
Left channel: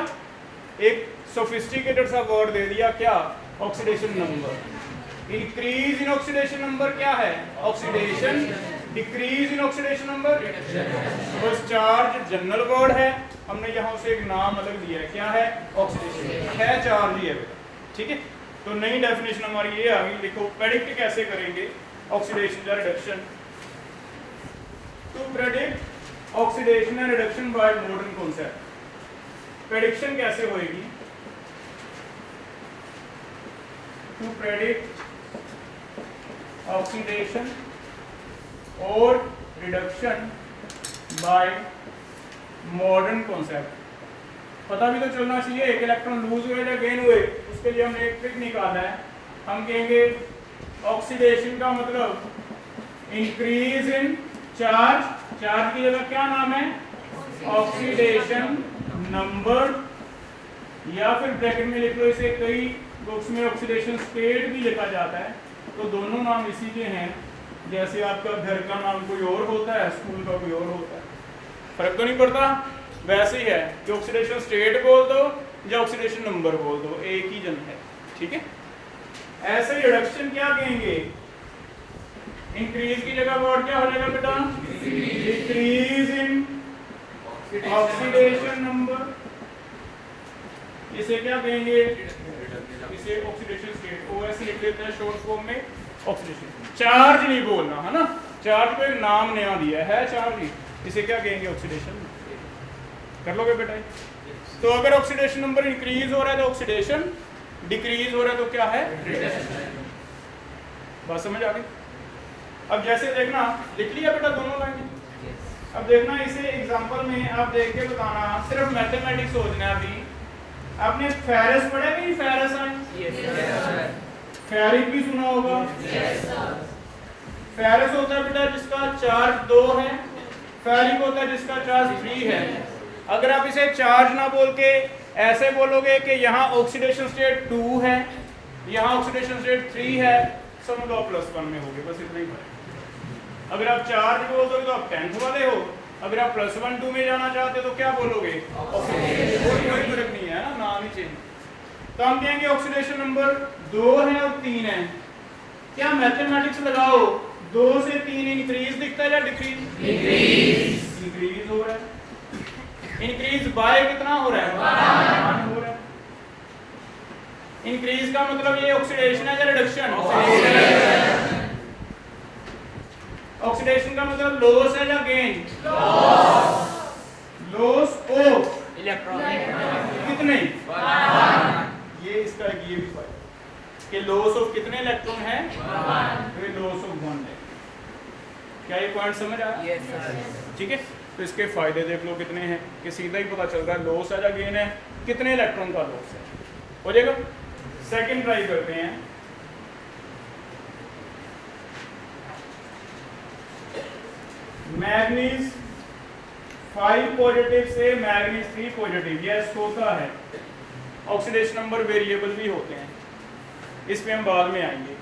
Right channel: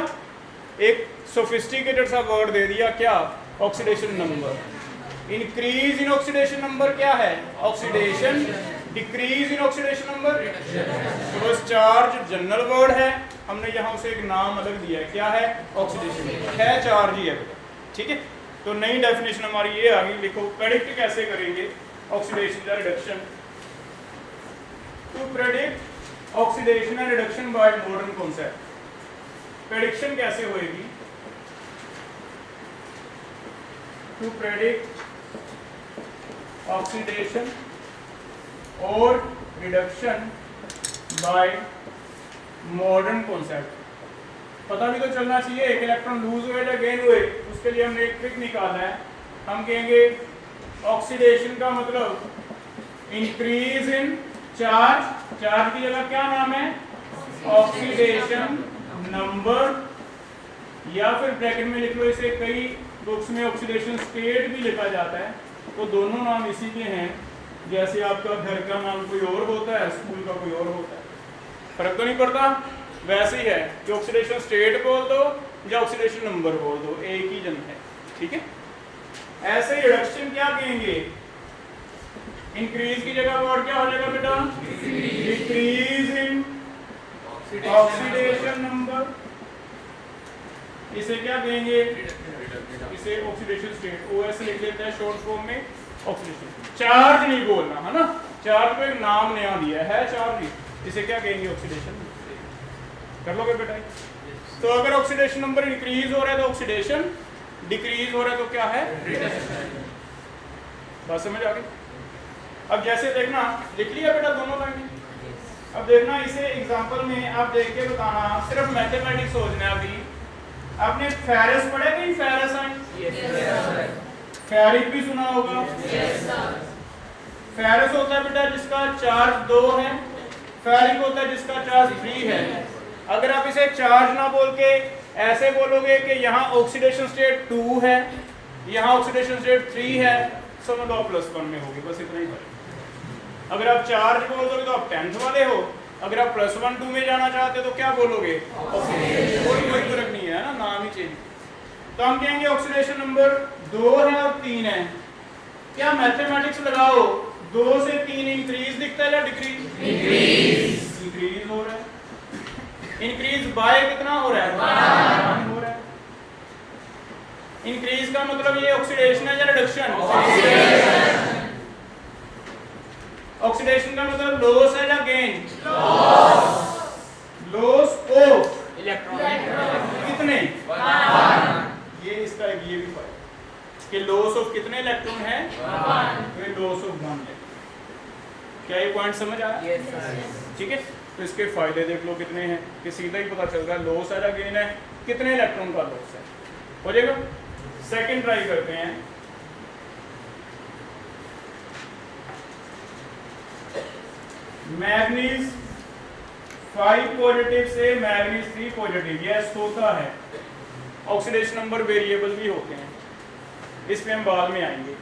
एक सोफिस्टिकेटेड सा वर्ड दे दिया, क्या, oxidation number. Increase in oxidation number क्या है, oxidation, decrease in oxidation number, बस चार्ज जनरल वर्ड है, हमने यहाँ से एक नाम अलग दिया है, क्या है, ऑक्सीडेशन है, चार्ज ही है, ठीक है। तो नई डेफिनेशन हमारी ये आ गई। लिखो प्रेडिक्ट कैसे करेंगे ऑक्सीडेशन या reduction. To predict oxidation and reduction by modern concept, prediction कैसे होएगी, टू प्रेडिक्ट ऑक्सीडेशन और रिडक्शन बाय मॉडर्न कॉन्सेप्ट। पता भी तो चलना चाहिए एक इलेक्ट्रॉन लूज हुए या गेन हुए, उसके लिए हमने एक ट्रिक निकालना है। हम कहेंगे ऑक्सीडेशन का मतलब इंक्रीज इन चार्ज, चार्ज की जगह क्या नाम है, ऑक्सीडेशन नंबर, या फिर ब्रैकेट में लिख लो इसे, कई बुक्स में ऑक्सीडेशन स्टेट भी लिखा जाता है, तो दोनों नाम इसी के हैं। जैसे आपका घर का नाम कोई और होता है, स्कूल का कोई और होता है, फर्क तो नहीं पड़ता। वैसे ही है कि ऑक्सीडेशन स्टेट बोल दो या ऑक्सीडेशन नंबर बोल दो, एक ही जन है, ठीक है। ऐसे रिडक्शन क्या कहेंगे, इंक्रीज की जगह वर्ड क्या हो जाएगा बेटा, डिक्रीज इन ऑक्सीडेशन नंबर। इसे क्या कहेंगे, इसे ऑक्सीडेशन स्टेट, ओएस लिख लेते हैं शॉर्ट फॉर्म में, ऑक्सीडेशन। चार्ज नहीं बोलना है ना, चार्ज को एक नाम नया दिया है चार्ज, इसे क्या कहेंगे, ऑक्सीडेशन। कर लोगे बेटा। तो अगर ऑक्सीडेशन नंबर इंक्रीज हो रहा है तो ऑक्सीडेशन, डिक्रीज हो रहा है तो क्या है, बात समझ आ गई। अब जैसे देखना, लिख लिया बेटा दोनों लाइन। अब देखना इसे एग्जांपल में आप देख के बताना, सिर्फ मैथमेटिक्स सोचना है। अभी आपने फेरस पढ़े नहीं, फेरस है, फेरिक भी सुना होगा। फेरस होता है बेटा जिसका चार्ज 2 है, फेरिक होता है जिसका चार्ज 3 है। अगर आप इसे चार्ज ना बोल के ऐसे बोलोगे कि यहाँ ऑक्सीडेशन स्टेट 2 है, यहाँ ऑक्सीडेशन स्टेट 3 है, समझ लो आप +1 में होगे, बस इतना ही फर्क। अगर आप चार्ज बोल दोगे तो आप 10th वाले हो, अगर आप +1 2 में जाना चाहते हो तो क्या बोलोगे, कोई फर्क नहीं है ना, नाम ही चेंज। तो हम कहेंगे ऑक्सीडेशन नंबर 2 है और 3 है। क्या मैथमेटिक्स लगाओ, 2 से 3 इंक्रीज दिखता है या डिक्रीज, इंक्रीज हो रहा है। इंक्रीज बाय कितना हो रहा है, 1 हो रहा है। इंक्रीज का मतलब ये ऑक्सीडेशन है या रिडक्शन, ऑक्सीडेशन का मतलब लॉस है या गेन, लॉस ऑफ इलेक्ट्रॉन, कितने, ये इसका एक ये भी फायदा कि लॉस ऑफ कितने इलेक्ट्रॉन है, फिर लॉस ऑफ 1 है। क्या ये पॉइंट समझ आया, ठीक है। तो इसके फायदे देख लो कितने हैं, कि सीधा ही पता चल रहा है लॉस है या गेन है, कितने इलेक्ट्रॉन का लॉस है, हो जाएगा। सेकंड ट्राई करते हैं। मैग्नीज 5 पॉजिटिव से मैग्नीज 3 पॉजिटिव, यस होता है। ऑक्सीडेशन नंबर वेरिएबल भी होते हैं, इस पे हम बाद में आएंगे।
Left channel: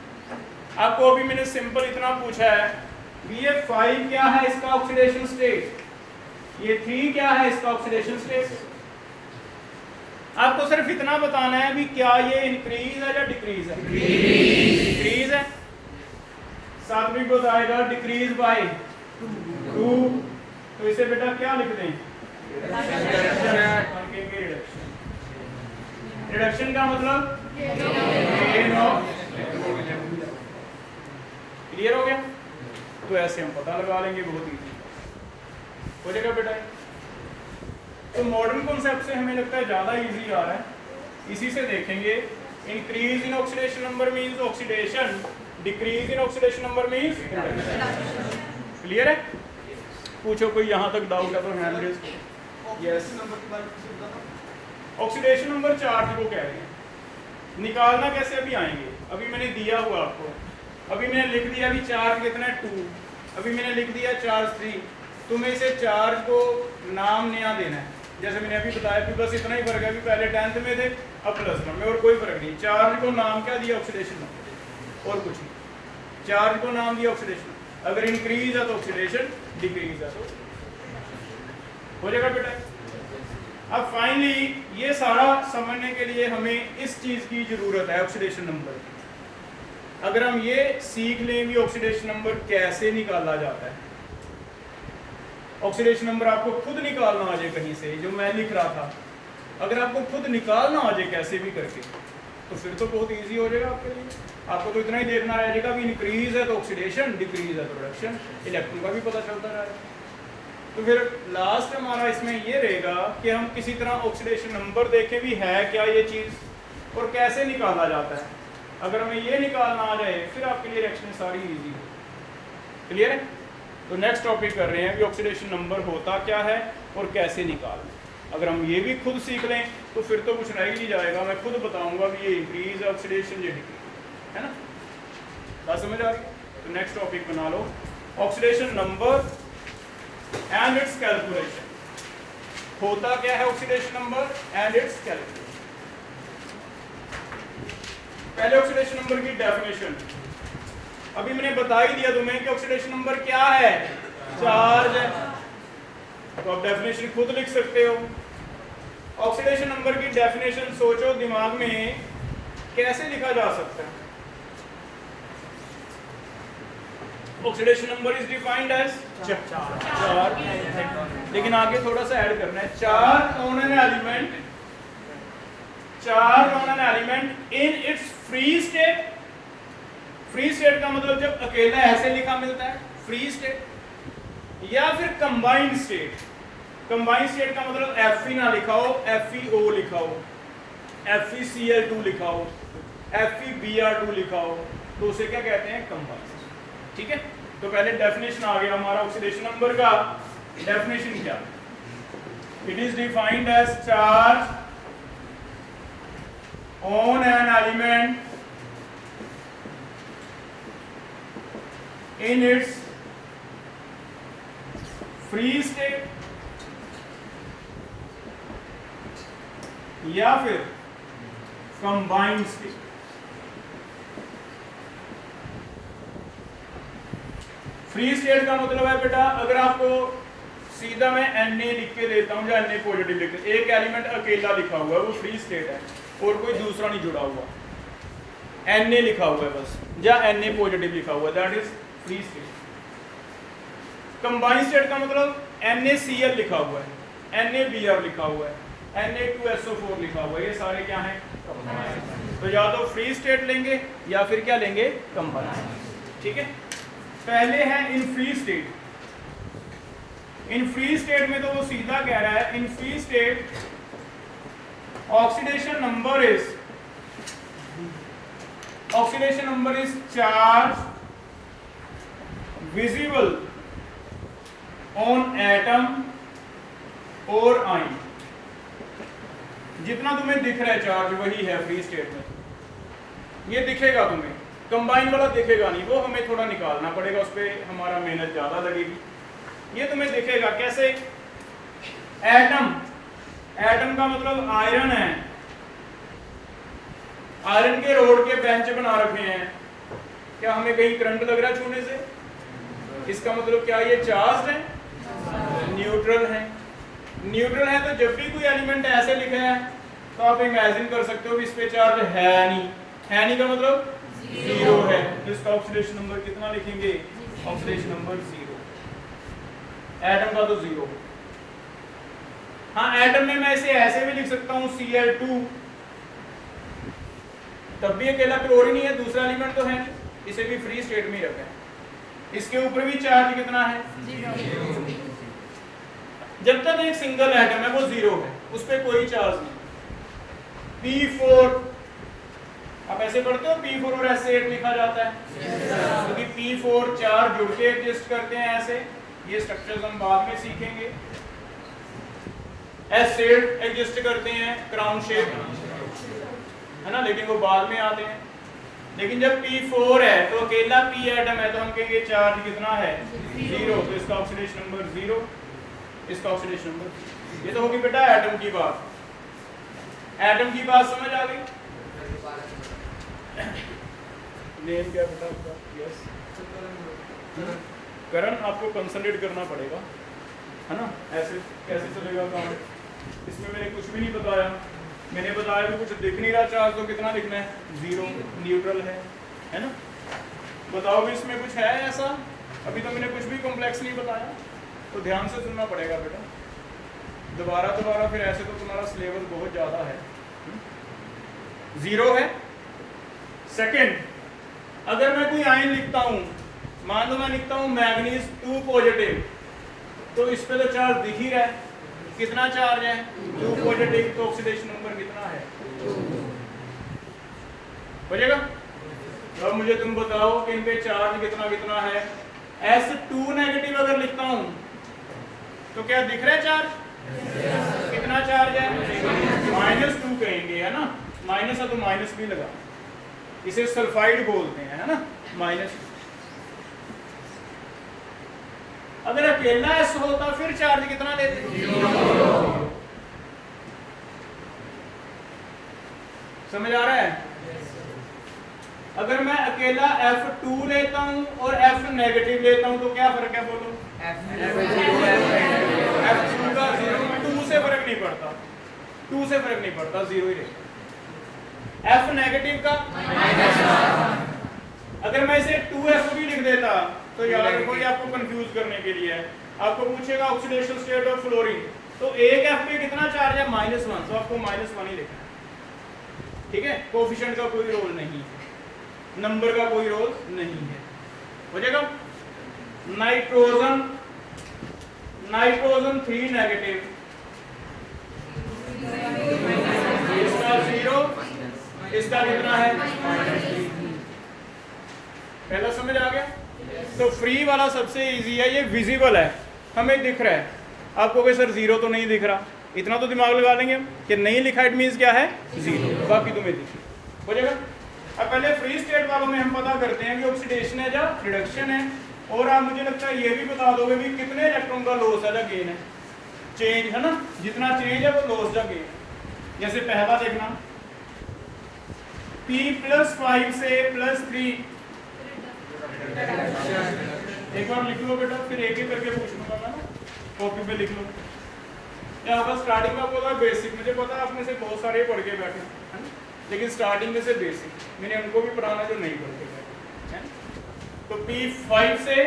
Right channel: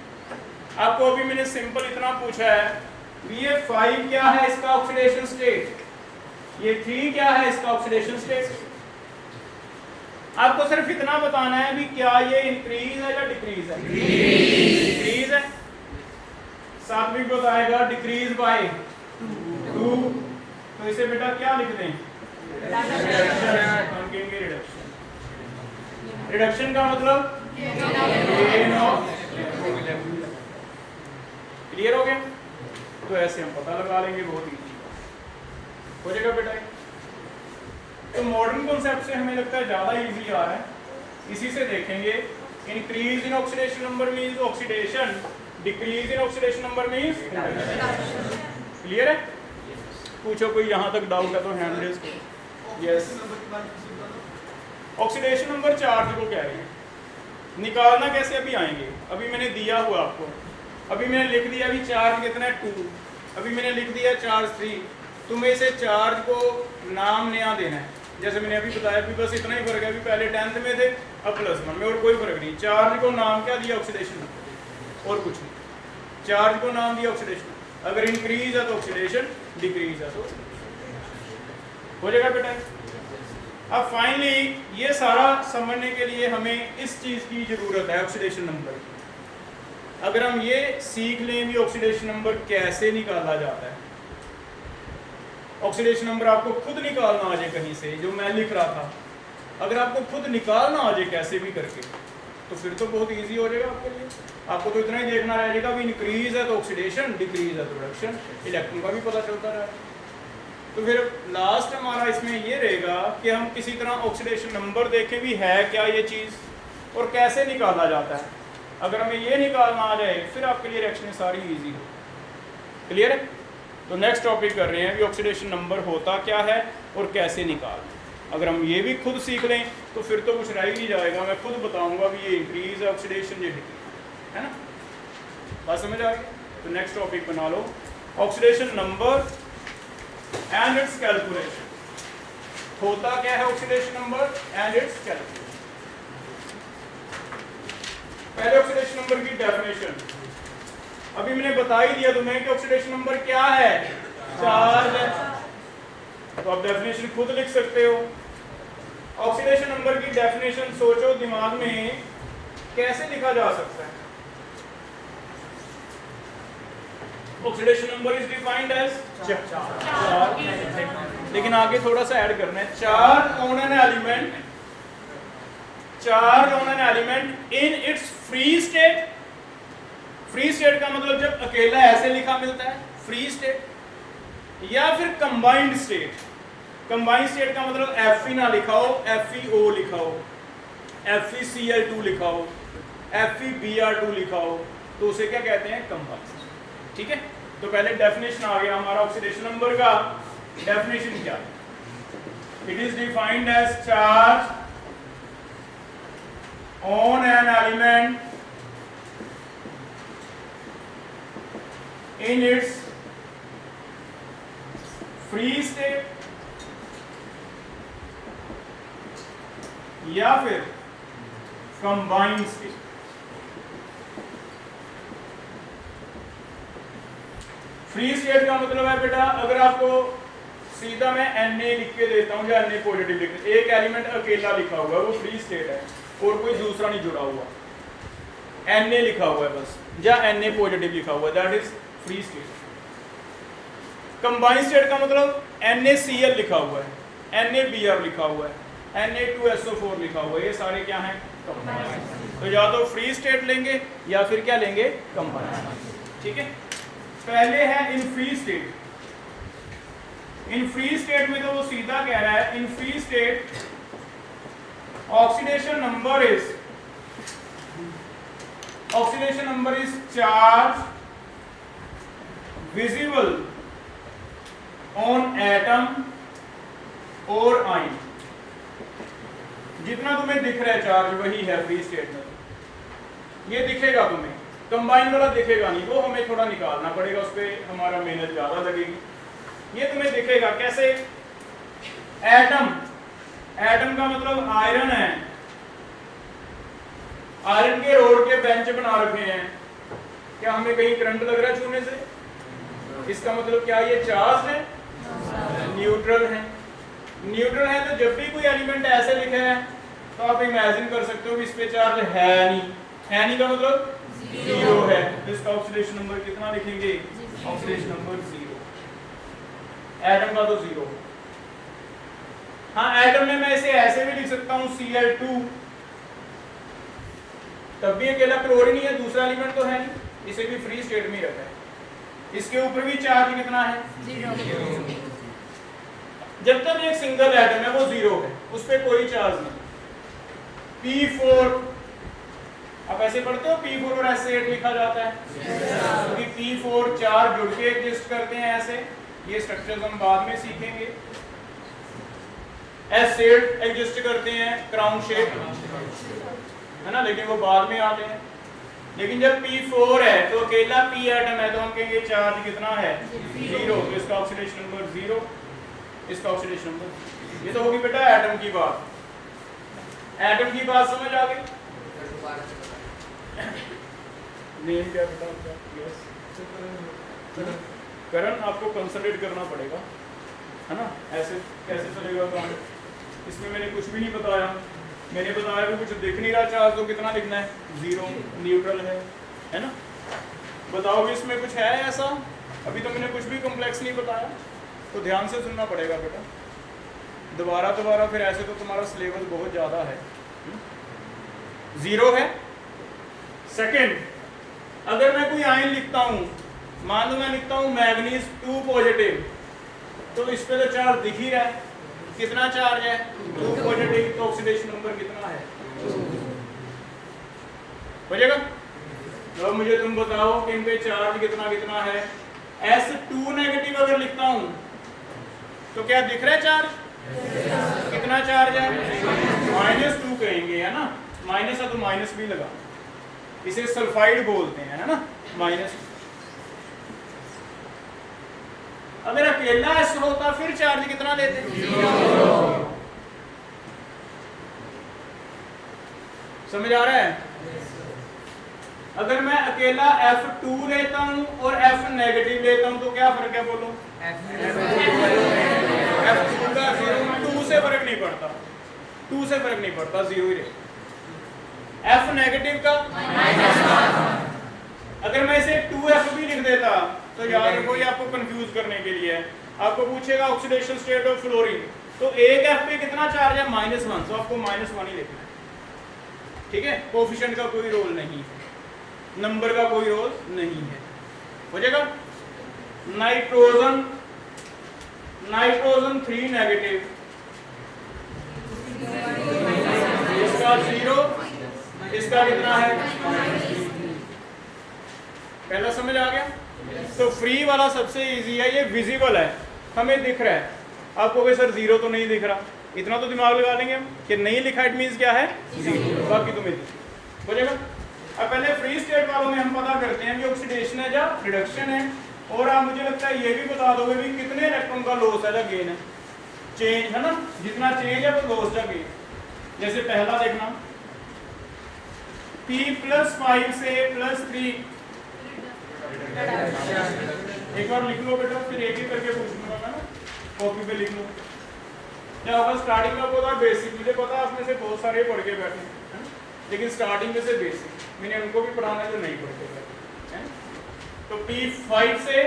आपको अभी मैंने सिंपल इतना पूछा है कि ये 5 क्या है इसका ऑक्सीडेशन स्टेट, ये 3 क्या है इसका ऑक्सीडेशन स्टेट। आपको सिर्फ इतना बताना है भी क्या ये इंक्रीज है या डिक्रीज है, डिक्रीज है। साथ में बताएगा डिक्रीज बाय 2, तो इसे बेटा क्या लिख दें, हम कहेंगे रिडक्शन। रिडक्शन का मतलब गेन ऑफ, क्लियर हो गया। तो ऐसे हम पता लगा लेंगे, बहुत इजी हो जाएगा बेटा। तो मॉडर्न कॉन्सेप्ट से हमें लगता है ज्यादा इजी आ रहा है, इसी से देखेंगे। Increase in oxidation number means oxidation, decrease in oxidation number means reduction. Clear है। पूछो कोई यहाँ तक डाउट है तो हैंड रेज करो। यस, ऑक्सीडेशन नंबर चार्ज को कह रहे हैं, निकालना कैसे अभी आएंगे। अभी मैंने दिया हुआ आपको, अभी मैंने लिख दिया अभी चार्ज कितना है 2, अभी मैंने लिख दिया चार्ज 3। तुम्हें इसे चार्ज को नाम नया देना है, जैसे मैंने अभी बताया कि बस इतना ही फर्क है, अभी पहले 10th में थे अब +1 में, और कोई फर्क नहीं। चार्ज को नाम क्या दिया, ऑक्सीडेशन नंबर, और कुछ नहीं। चार्ज को नाम दिया ऑक्सीडेशन, अगर इंक्रीज है तो ऑक्सीडेशन, डिक्रीज है तो हो जाएगा बेटा। अब फाइनली ये सारा समझने के लिए हमें इस चीज की जरूरत है, ऑक्सीडेशन नंबर। अगर हम ये सीख लें कि ऑक्सीडेशन नंबर कैसे निकाला जाता है, ऑक्सीडेशन नंबर आपको खुद निकालना आ जाए कहीं से, जो मैं लिख रहा था, अगर आपको खुद निकालना आ जाए कैसे भी करके, तो फिर तो बहुत इजी हो जाएगा आपके लिए। आपको तो इतना ही देखना रहेगा कि इंक्रीज है तो ऑक्सीडेशन, डिक्रीज है तो रिडक्शन, इलेक्ट्रॉन का भी पता चलता रहेगा। तो फिर लास्ट हमारा इसमें ये रहेगा कि हम किसी तरह ऑक्सीडेशन नंबर देखें भी है क्या ये चीज़ और कैसे निकाला जाता है। अगर हमें ये निकालना आ जाए फिर आपके लिए रिएक्शन सारी इजी हो। क्लियर है। तो नेक्स्ट टॉपिक कर रहे हैं कि ऑक्सीडेशन नंबर होता क्या है और कैसे निकालना। अगर हम ये भी खुद सीख लें तो फिर तो कुछ रह ही नहीं जाएगा, मैं खुद बताऊंगा कि ये इंक्रीज है ऑक्सीडेशन, ये डिक्रीज है ना। बात समझ आ गई। तो नेक्स्ट टॉपिक बना लो oxidation number and its calculation. होता क्या है oxidation number and its calculation. पहले ऑक्सीडेशन नंबर की डेफिनेशन अभी मैंने बता ही दिया तुम्हें कि ऑक्सीडेशन नंबर क्या है, चार्ज है। तो आप डेफिनेशन खुद लिख सकते हो। ऑक्सीडेशन नंबर की डेफिनेशन सोचो दिमाग में कैसे लिखा जा सकता है। Oxidation number is defined as charge, लेकिन आगे थोड़ा सा ऐड करना है, charge on an element, charge on an element in its free state. Free state का मतलब जब अकेला ऐसे लिखा मिलता है फ्री स्टेट, या फिर कंबाइंड स्टेट। कंबाइंड स्टेट का मतलब Fe ना लिखा हो, FeO लिखा हो, FeCl2 लिखा हो, FeBr2 लिखा हो, तो उसे क्या कहते हैं, कंबाइंड। ठीक है, तो पहले डेफिनेशन आ गया हमारा ऑक्सीडेशन नंबर का। डेफिनेशन क्या, it is defined as charge on an element in its free state या फिर कंबाइंड स्टेट। फ्री स्टेट का मतलब है बेटा, अगर आपको सीधा मैं Na लिख के देता हूं या Na पॉजिटिव लिख, एक एलिमेंट अकेला लिखा हुआ है वो फ्री स्टेट है और कोई दूसरा नहीं जुड़ा हुआ, Na लिखा हुआ है बस, या Na पॉजिटिव लिखा हुआ है, that is free state. Combined state का मतलब NaCl लिखा हुआ है, NaBr लिखा हुआ है, Na2SO4 लिखा हुआ है, ये सारे क्या हैं, कंबाइंड। तो या तो फ्री स्टेट लेंगे या फिर क्या लेंगे, कंबाइंड। ठीक है, पहले है in free state. In free state में तो वो सीधा कह रहा है, in free state oxidation number is charge visible on atom और आयन। जितना तुम्हें दिख रहा है चार्ज वही है फ्री स्टेट में, ये दिखेगा तुम्हें, कंबाइन वाला दिखेगा नहीं, वो हमें थोड़ा निकालना पड़ेगा, उस पर हमारा मेहनत ज्यादा लगेगी। ये तुम्हें दिखेगा कैसे, एटम, एटम का मतलब आयरन है, आयरन के रोड के बेंच बना रखे हैं, क्या हमें कहीं करंट लग रहा है छूने से, इसका मतलब क्या ये चार्ज है, न्यूट्रल है। न्यूट्रल है तो जब भी कोई एलिमेंट ऐसे लिखे है तो आप इमेजिन कर सकते हो कि इस पे चार्ज है नहीं का मतलब जीरो है, तो इसका ऑक्सीडेशन नंबर कितना लिखेंगे, ऑक्सीडेशन नंबर 0। एटम का तो 0। हाँ, एटम में मैं इसे ऐसे भी लिख सकता हूँ Cl2, तब भी अकेला क्लोरीन ही है, दूसरा एलिमेंट तो है नहीं, इसे भी फ्री स्टेट में रखा है। इसके ऊपर भी चार्ज कितना है, 0। जब तक एक सिंगल एटम है वो 0 है, उस पर कोई चार्ज नहीं। P4 आप ऐसे पढ़ते हो, P4 और S8 लिखा जाता है, क्योंकि P4 चार्ज जुड़ के एग्जिस्ट करते हैं ऐसे, ये स्ट्रक्चर्स हम बाद में सीखेंगे। S8 एग्जिस्ट करते हैं क्राउन शेप, है ना, लेकिन वो बाद में आते हैं। लेकिन जब P4 है तो अकेला P एटम है, तो हम कहेंगे चार्ज कितना है, 0, तो इसका ऑक्सीडेशन नंबर 0, इसका ऑक्सीडेशन नंबर। ये तो होगी बेटा एटम की बात। एटम की बात समझ आ गई, क्या बेटा, यस, करंट आपको कंसंट्रेट करना पड़ेगा, है ना, ऐसे कैसे चलेगा काम। इसमें मैंने कुछ भी नहीं बताया, मैंने बताया कि कुछ दिख नहीं रहा चार्ज, तो कितना लिखना है, 0, न्यूट्रल है ना। बताओ भी इसमें कुछ है ऐसा, अभी तो मैंने कुछ भी कॉम्प्लेक्स नहीं बताया, तो ध्यान से सुनना पड़ेगा बेटा, दोबारा फिर ऐसे तो तुम्हारा सिलेबस बहुत ज़्यादा है। 0 है। सेकंड, अगर मैं कोई आयन लिखता हूँ, मान लो मैं लिखता हूँ मैग्नीज 2 पॉजिटिव, तो इस पे तो चार्ज दिख ही रहा है, कितना चार्ज है, 2 पॉजिटिव, तो ऑक्सीडेशन नंबर कितना है, हो जाएगा। तो अब मुझे तुम बताओ कि इन पे चार्ज कितना है। S2 नेगेटिव अगर लिखता हूं तो क्या दिख रहा है चार्ज, कितना चार्ज है, -2 कहेंगे, है ना, माइनस है तो माइनस भी लगा, इसे सल्फाइड बोलते हैं, है ना, माइनस। अगर अकेला S होता फिर चार्ज कितना लेते, 0। समझ आ रहा है? अगर मैं अकेला F2 लेता हूं और F नेगेटिव लेता हूं तो क्या फर्क है बोलो? F2 का 2 से फर्क नहीं पड़ता, 2 से फर्क नहीं पड़ता, 0 ही रहेगा। F नेगेटिव का अगर मैं इसे 2F भी लिख देता तो याद रखो ये आपको कंफ्यूज करने के लिए है। आपको पूछेगा ऑक्सीडेशन स्टेट ऑफ फ्लोरीन, तो एक F पे कितना चार्ज है? -1, तो आपको -1 ही लिखना है, ठीक है? कोफिशिएंट का कोई रोल नहीं है, नंबर का कोई रोल नहीं है, हो जाएगा। नाइट्रोजन 3 नेगेटिव, इसका 0, इसका कितना है? पहला समझ आ गया? तो फ्री वाला सबसे इजी है, ये विजिबल है, हमें दिख रहा है। आपको कोई सर 0 तो नहीं दिख रहा, इतना तो दिमाग लगा लेंगे हम कि नहीं लिखा इट मींस क्या है? 0, बाकी तुम्हें दिख हो जाएगा। अब पहले फ्री स्टेट वालों में हम पता करते हैं कि ऑक्सीडेशन है या रिडक्शन है, और आप मुझे लगता है ये भी बता दोगे भी कितने इलेक्ट्रॉन का लॉस है या गेन है, चेंज है ना, जितना चेंज है वो लॉस या गेन। जैसे पहला देखना P+5 से +3, एक बार लिख लो बेटा, फिर एक ही करके पूछूंगा मैं ना, कॉपी पे लिख लो। क्या होगा स्टार्टिंग में होगा बेसिक, मुझे पता है आप में से बहुत सारे पढ़ के बैठे हैं, लेकिन स्टार्टिंग में से बेसिक मैंने उनको भी पढ़ाना जो नहीं पढ़ के बैठे हैं। तो P5 से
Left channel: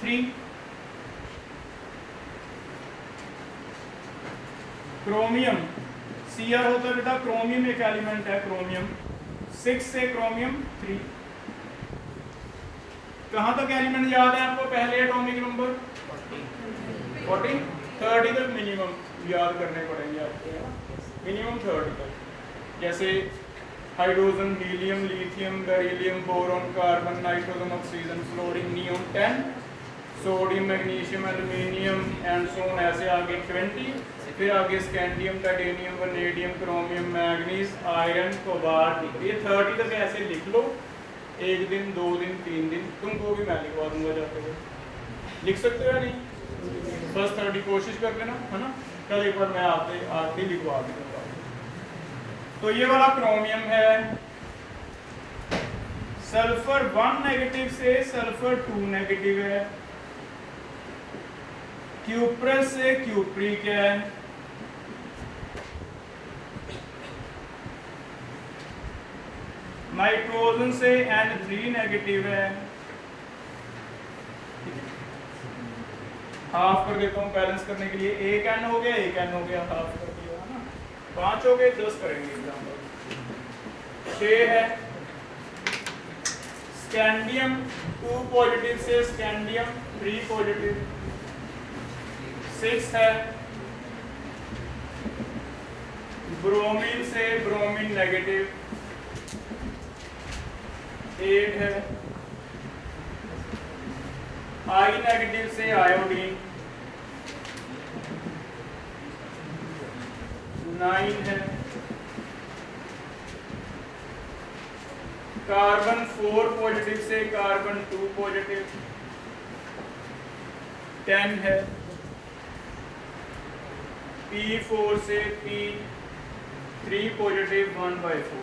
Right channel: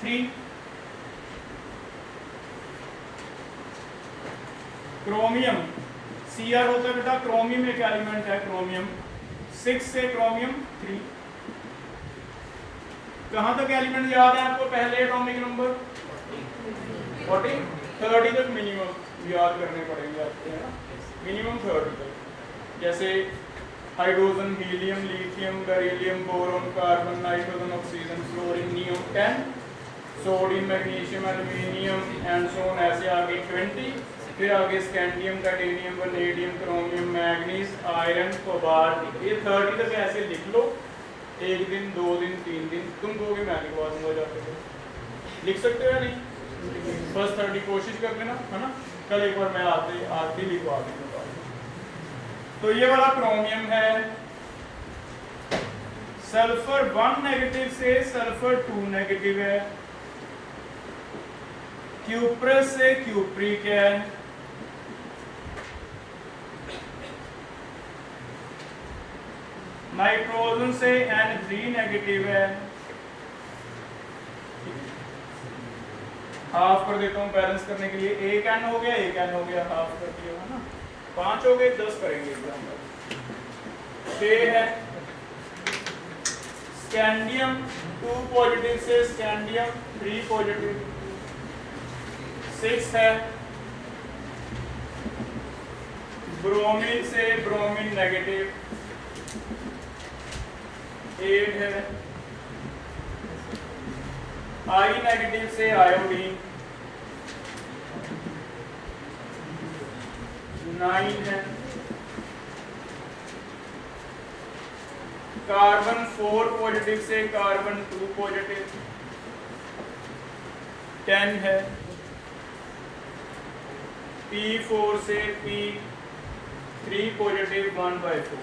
3, क्रोमियम Cr होता है बेटा, क्रोमियम एक एलिमेंट है, क्रोमियम 6 से क्रोमियम 3। कहां तक एलिमेंट याद है आपको? पहले एटॉमिक नंबर 40, 30 तक मिनिमम याद करने पड़ेंगे आपको, मिनिमम 30 तक। जैसे hydrogen, helium, lithium, beryllium, boron, carbon, nitrogen, oxygen, fluorine, नियम 10, sodium, magnesium, aluminium and so on, ऐसे आगे 20, फिर आगे scandium, titanium, vanadium, chromium, manganese, iron, cobalt, ये 30 तक ऐसे लिख लो। 1 दिन, 2 दिन, 3 दिन, तुमको भी मैं लिखवा दूंगा जाकर, लिख सकते हो या नहीं? फर्स्ट 30 कोशिश कर लेना, है ना? कल एक बार मैं आते लिखवा दूंगा। तो ये वाला क्रोमियम है। सल्फर 1 नेगेटिव से सल्फर 2 नेगेटिव है। क्यूप्रस से क्यूप्रिक है। नाइट्रोजन से N3 नेगेटिव है। हाफ कर देता हूँ बैलेंस करने के लिए, एक N हो गया, एक N हो गया, हाफ कर दिया है ना, 5 हो गए, 10 करेंगे एग्जाम्पल। 6 है स्कैंडियम 2 पॉजिटिव से स्कैंडियम 3 पॉजिटिव। 6 है ब्रोमीन से ब्रोमीन नेगेटिव। 8 है आई नेगेटिव से आयोडीन। 9 है कार्बन 4 पॉजिटिव से कार्बन 2 पॉजिटिव। 10 है P4 से P3 पॉजिटिव 1/4।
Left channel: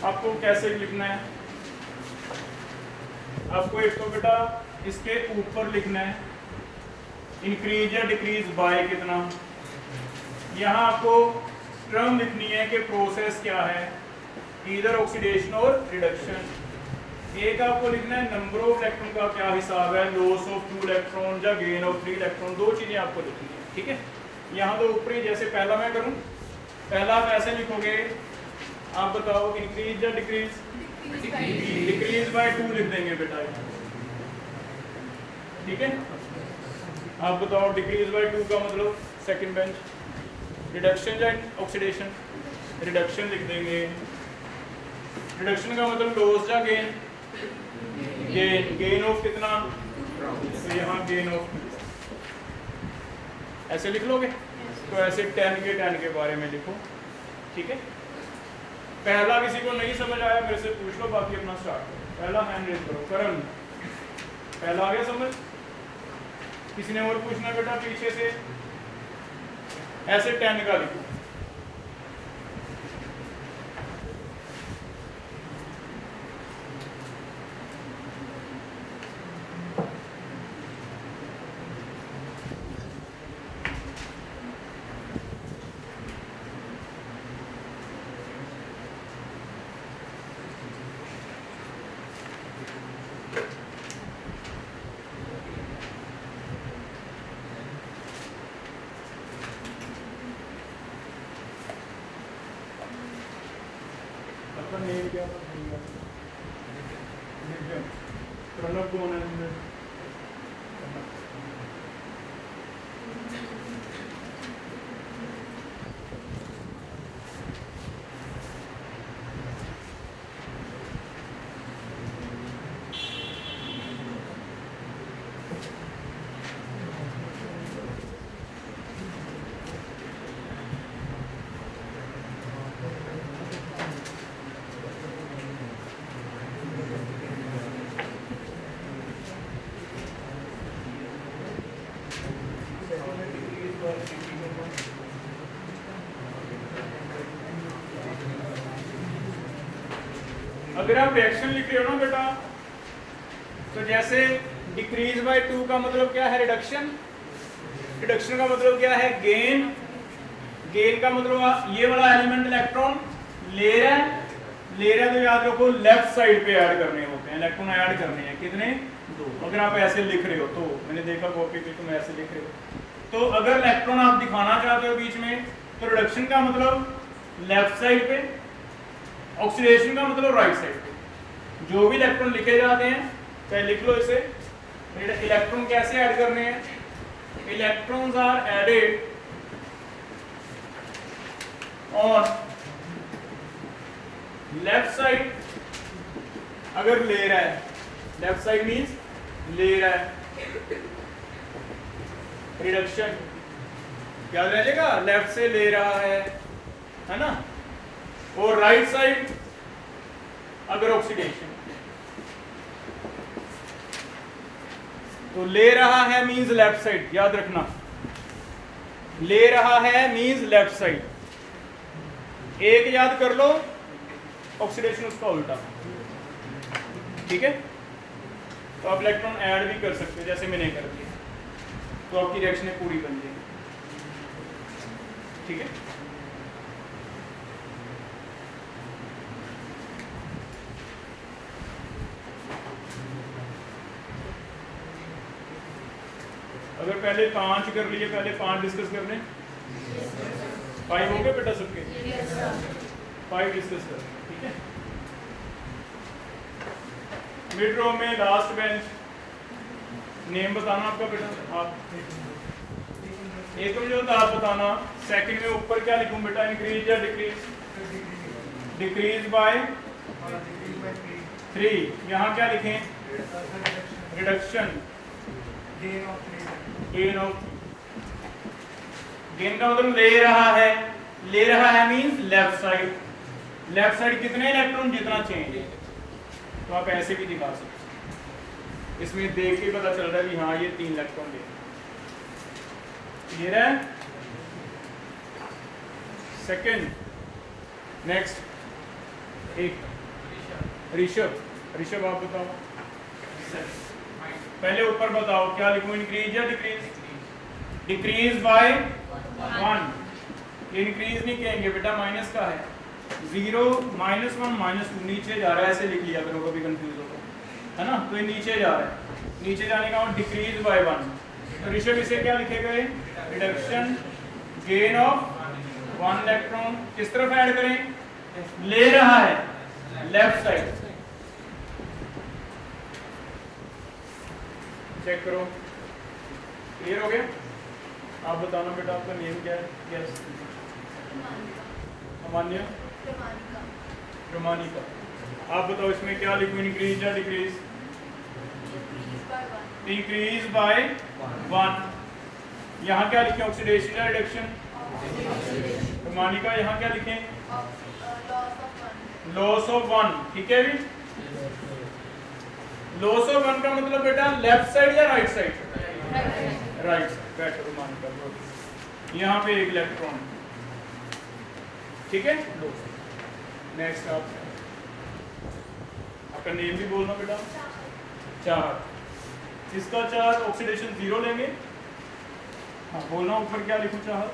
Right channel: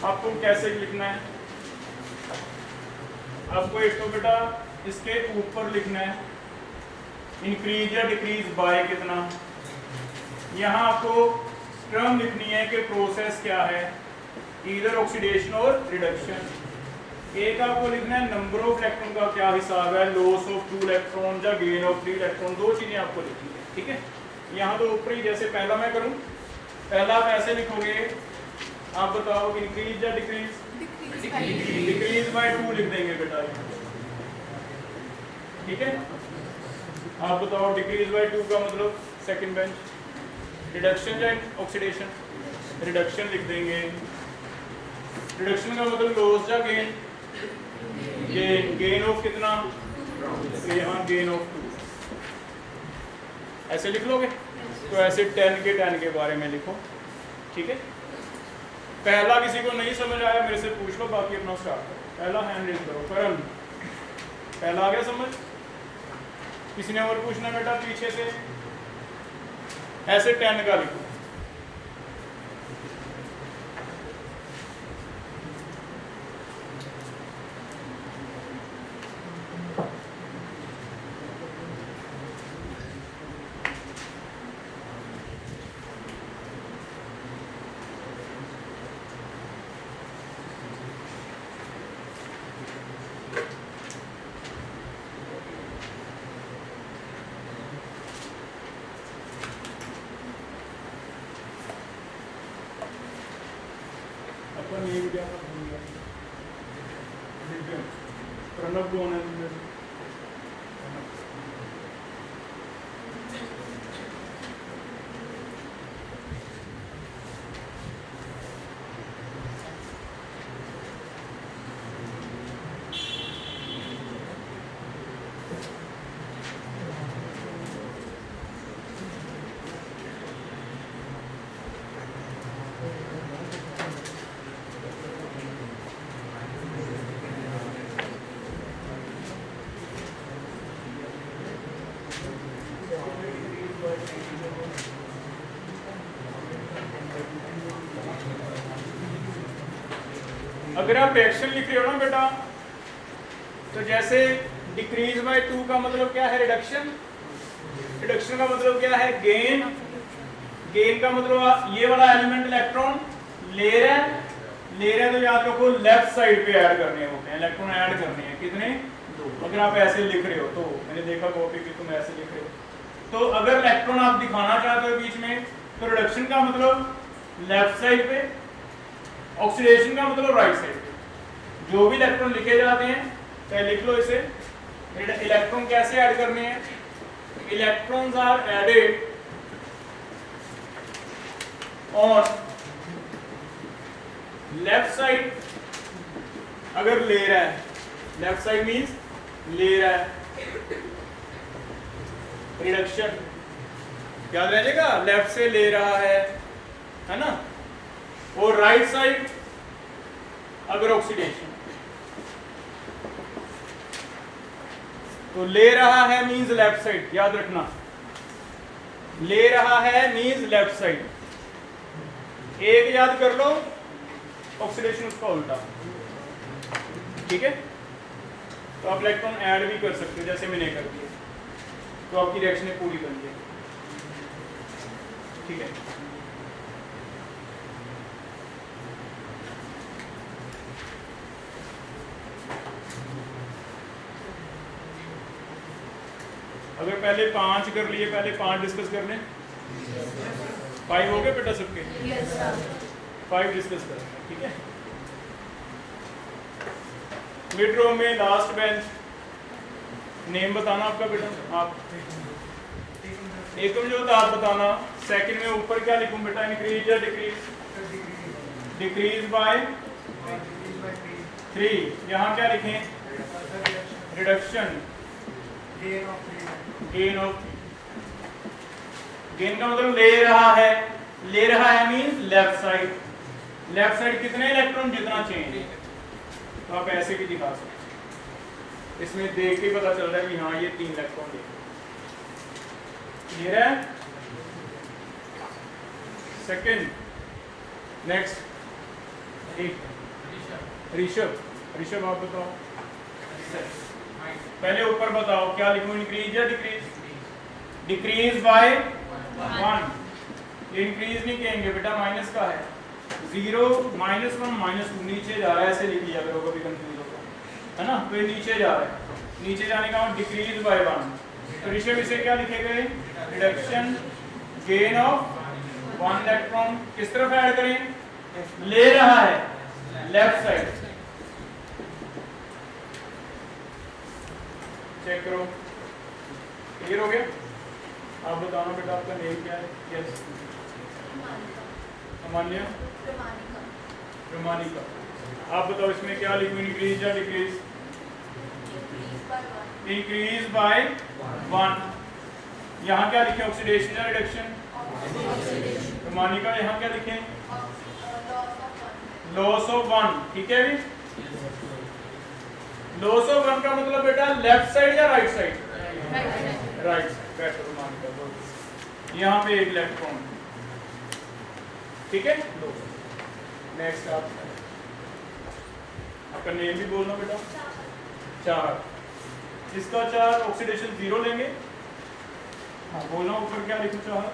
आपको कैसे लिखना है? आपको एक तो बेटा इसके ऊपर लिखना है इंक्रीज या डिक्रीज बाय कितना। यहाँ आपको टर्म लिखनी है कि प्रोसेस क्या है, इधर ऑक्सीडेशन और रिडक्शन। एक आपको लिखना है नंबर ऑफ इलेक्ट्रॉन का क्या हिसाब है, लॉस ऑफ 2 इलेक्ट्रॉन या गेन ऑफ 3 इलेक्ट्रॉन, 2 चीजें आपको लिखनी है, ठीक है। यहाँ तो ऊपरी जैसे पहला मैं करूँ, पहला आप ऐसे लिखोगे, आप बताओ इंक्रीज या डिक्रीज? डिक्रीज बाय 2 लिख देंगे बेटा, ठीक है। आप बताओ डिक्रीज बाय 2 का मतलब सेकंड बेंच। रिडक्शन या ऑक्सीडेशन? रिडक्शन लिख देंगे। रिडक्शन का मतलब लॉस या गेन? गेन। गेन ऑफ कितना? तो यहाँ गेन ऑफ 2 ऐसे लिख लोगे। तो ऐसे 10 के बारे में लिखो, ठीक है। पहला किसी को नहीं समझ आया मेरे से पूछ लो, बाकी अपना स्टार्ट करो। पहला हैंड रेज करो। करण, पहला आ गया समझ? किसी ने और पूछना बेटा पीछे से? ऐसे 10 का लिखो। आपका नेम क्या है? प्रणव कौन है? अगर आप रिएक्शन लिख रहे हो ना बेटा, तो जैसे डिक्रीज बाय 2 का मतलब क्या है? रिडक्शन। रिडक्शन का मतलब क्या है? गेन। गेन का मतलब ये वाला एलिमेंट इलेक्ट्रॉन ले रहा है, तो याद रखो लेफ्ट साइड पे ऐड करने होते हैं, इलेक्ट्रॉन ऐड करने हैं। कितने? 2। अगर आप ऐसे लिख रहे हो तो, मैंने देखा कॉपी पे तुम ऐसे लिख रहे हो, तो अगर इलेक्ट्रॉन आप दिखाना चाहते हो बीच में, तो रिडक्शन का मतलब लेफ्ट साइड पे, ऑक्सीडेशन का मतलब राइट साइड पे। जो भी इलेक्ट्रॉन लिखे जाते हैं, चाहे लिख लो इसे। इलेक्ट्रॉन कैसे ऐड करने हैं? Electrons are added on left side अगर ले रहा है, लेफ्ट साइड मींस ले रहा है, रिडक्शन याद रखिएगा, लेफ्ट से ले रहा है ना। और राइट साइड अगर ऑक्सीडेशन, तो ले रहा है मींस लेफ्ट साइड, याद रखना, ले रहा है मींस लेफ्ट साइड। एक याद कर लो, ऑक्सीडेशन उसका उल्टा, ठीक है। तो आप इलेक्ट्रॉन ऐड भी कर सकते हो, जैसे मैंने कर दिया, तो आपकी रिएक्शन पूरी बन जाएगी, ठीक है। अगर पहले 5 कर लिए, पहले 5 डिस्कस कर लें। 5 हो गए बेटा सबके? 5 डिस्कस करें, ठीक है। मिड रो में लास्ट बेंच, नेम बताना आपका बेटा। आप एक तो जो आप बताना, सेकंड में ऊपर क्या लिखूं बेटा? इंक्रीज या डिक्रीज? Decrease by 3। यहाँ क्या लिखें? रिडक्शन। गेन ऑफ, गेन का मतलब ले रहा है, ले रहा है means left side. Left side कितने इलेक्ट्रॉन? जितना चाहिए। तो आप ऐसे भी दिखा सकते, इसमें देख के पता चल रहा है कि हाँ ये 3 इलेक्ट्रॉन ले। क्लियर है? Second, next Rishabh. ऋषभ आप बताओ, पहले ऊपर बताओ क्या लिखूं? इंक्रीज या डिक्रीज? Decrease by 1। इंक्रीज नहीं कहेंगे बेटा, माइनस का है। 0 -1 -2 नीचे जा रहा है, ऐसे लिख लिया करो, कभी कंफ्यूज होगा, है ना। तो ये नीचे जा रहा है, नीचे जाने का डिक्रीज बाय 1। तो ऋषभ इसे क्या लिखेगा? Reduction, gain of 1 electron. किस तरफ ऐड करें? ले रहा है लेफ्ट साइड। चेक करो, क्लियर हो गया? आप बताना बेटा, आपका नेम क्या है? यस, अमान्या, प्रमाणिका। आप बताओ इसमें क्या लिखूं? इंक्रीज या डिक्रीज? Increase by 1। यहाँ क्या लिखें? ऑक्सीडेशन या रिडक्शन? प्रमाणिका यहाँ क्या लिखें? लॉस ऑफ वन, ठीक है भी। लॉस ऑफ वन का मतलब बेटा लेफ्ट साइड या right side? Right side. Better मान कर दो, यहाँ पे एक इलेक्ट्रॉन, ठीक है। नेक्स्ट आपका नेम भी बोलना बेटा। चार, इसका चार ऑक्सीडेशन 0 लेंगे। हाँ बोलना, ऊपर क्या लिखूं? चार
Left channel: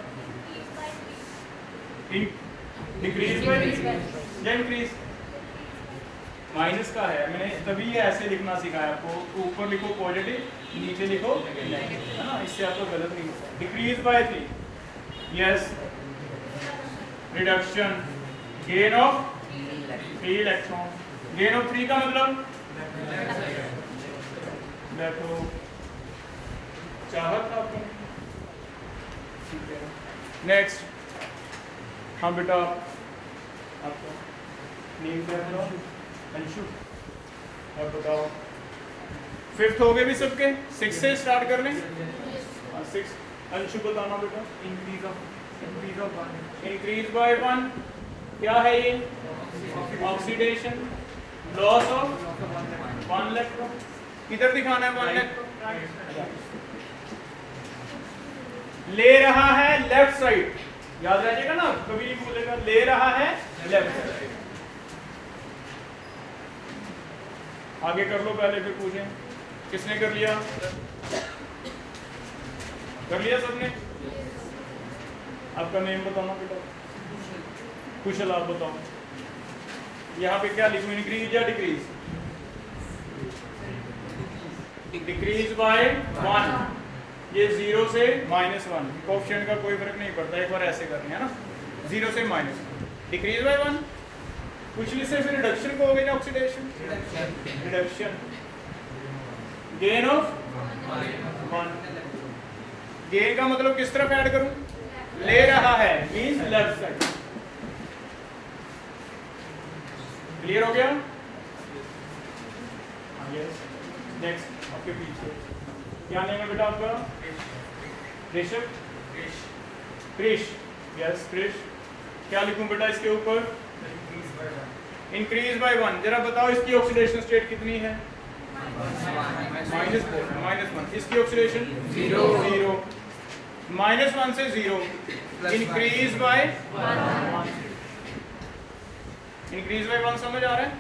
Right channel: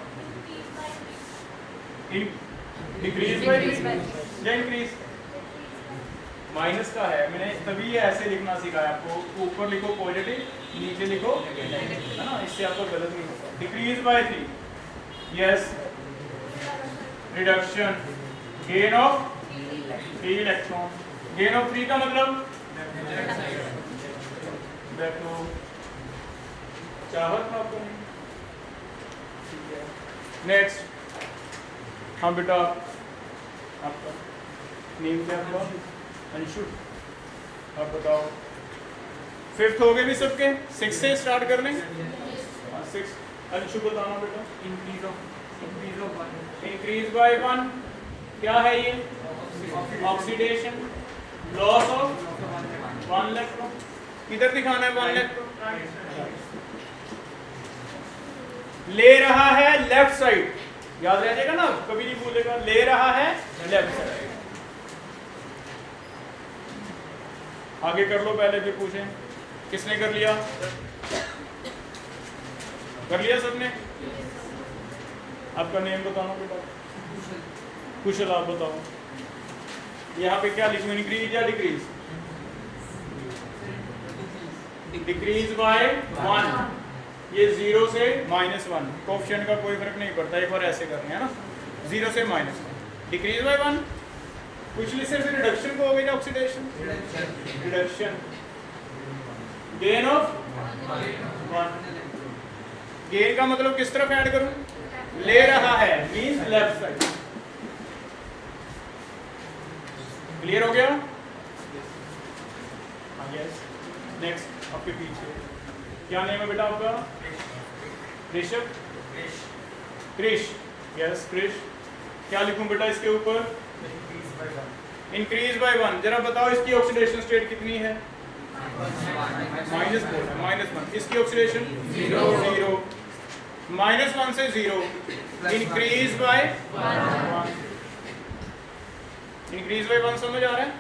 डिक्रीज बाय या इंक्रीज? माइनस का है, मैंने तभी ये ऐसे लिखना सिखाया आपको। ऊपर लिखो पॉजिटिव, नीचे लिखो नेगेटिव, है ना, इससे आपको गलत नहीं होता। Decrease by 3, yes. Reduction, gain of 3 electron. Gain of 3 का मतलब चाहत का आपको। ठीक है, नेक्स्ट। हाँ बेटा, आपका नेम क्या था? अंशु। अब बताओ, 5th हो गए भी सबके? 6 से स्टार्ट कर लें। 6, अंशु बताना बेटा। इंक्रीज बाय 1 क्या है ये? Oxidation, loss of 1 electron. किधर दिखाना है 1 इलेक्ट्रॉन? ले रहा है लेफ्ट साइड, याद रह जाएगा ना, कभी नहीं भूलेगा। ले रहा है लेफ्ट साइड। आगे कर लो पहले, फिर पूछें। किसने कर लिया? कर लिया सबने? आपका नेम बताना बेटा। कुशल, आप बताओ। यहाँ पे क्या लिखूं, इंक्रीज या डिक्रीज? डिक्रीज बाय 1, ये 0 से -1। कोएफिशिएंट का कोई फर्क नहीं पड़ता, एक बार ऐसे करने हैं ना, 0 से -1। डिक्रीज बाय 1, पिछले से फिर रिडक्शन को हो गया oxidation, reduction. Gain of 1, gain का मतलब किस तरफ ऐड करूं? ले रहा है मींस लेफ्ट साइड। क्लियर हो गया? यस। नेक्स्ट आपके पीछे क्या नेम है बेटा आपका? ऋषभ, क्रिश, यस क्रिश। क्या लिखूं बेटा इसके ऊपर? Increase by 1। जरा बताओ इसकी ऑक्सीडेशन स्टेट कितनी है? -1। इसकी ऑक्सीडेशन 0। -1 से 0, इंक्रीज बाय 1। इंक्रीज बाय 1 समझ आ रहा है?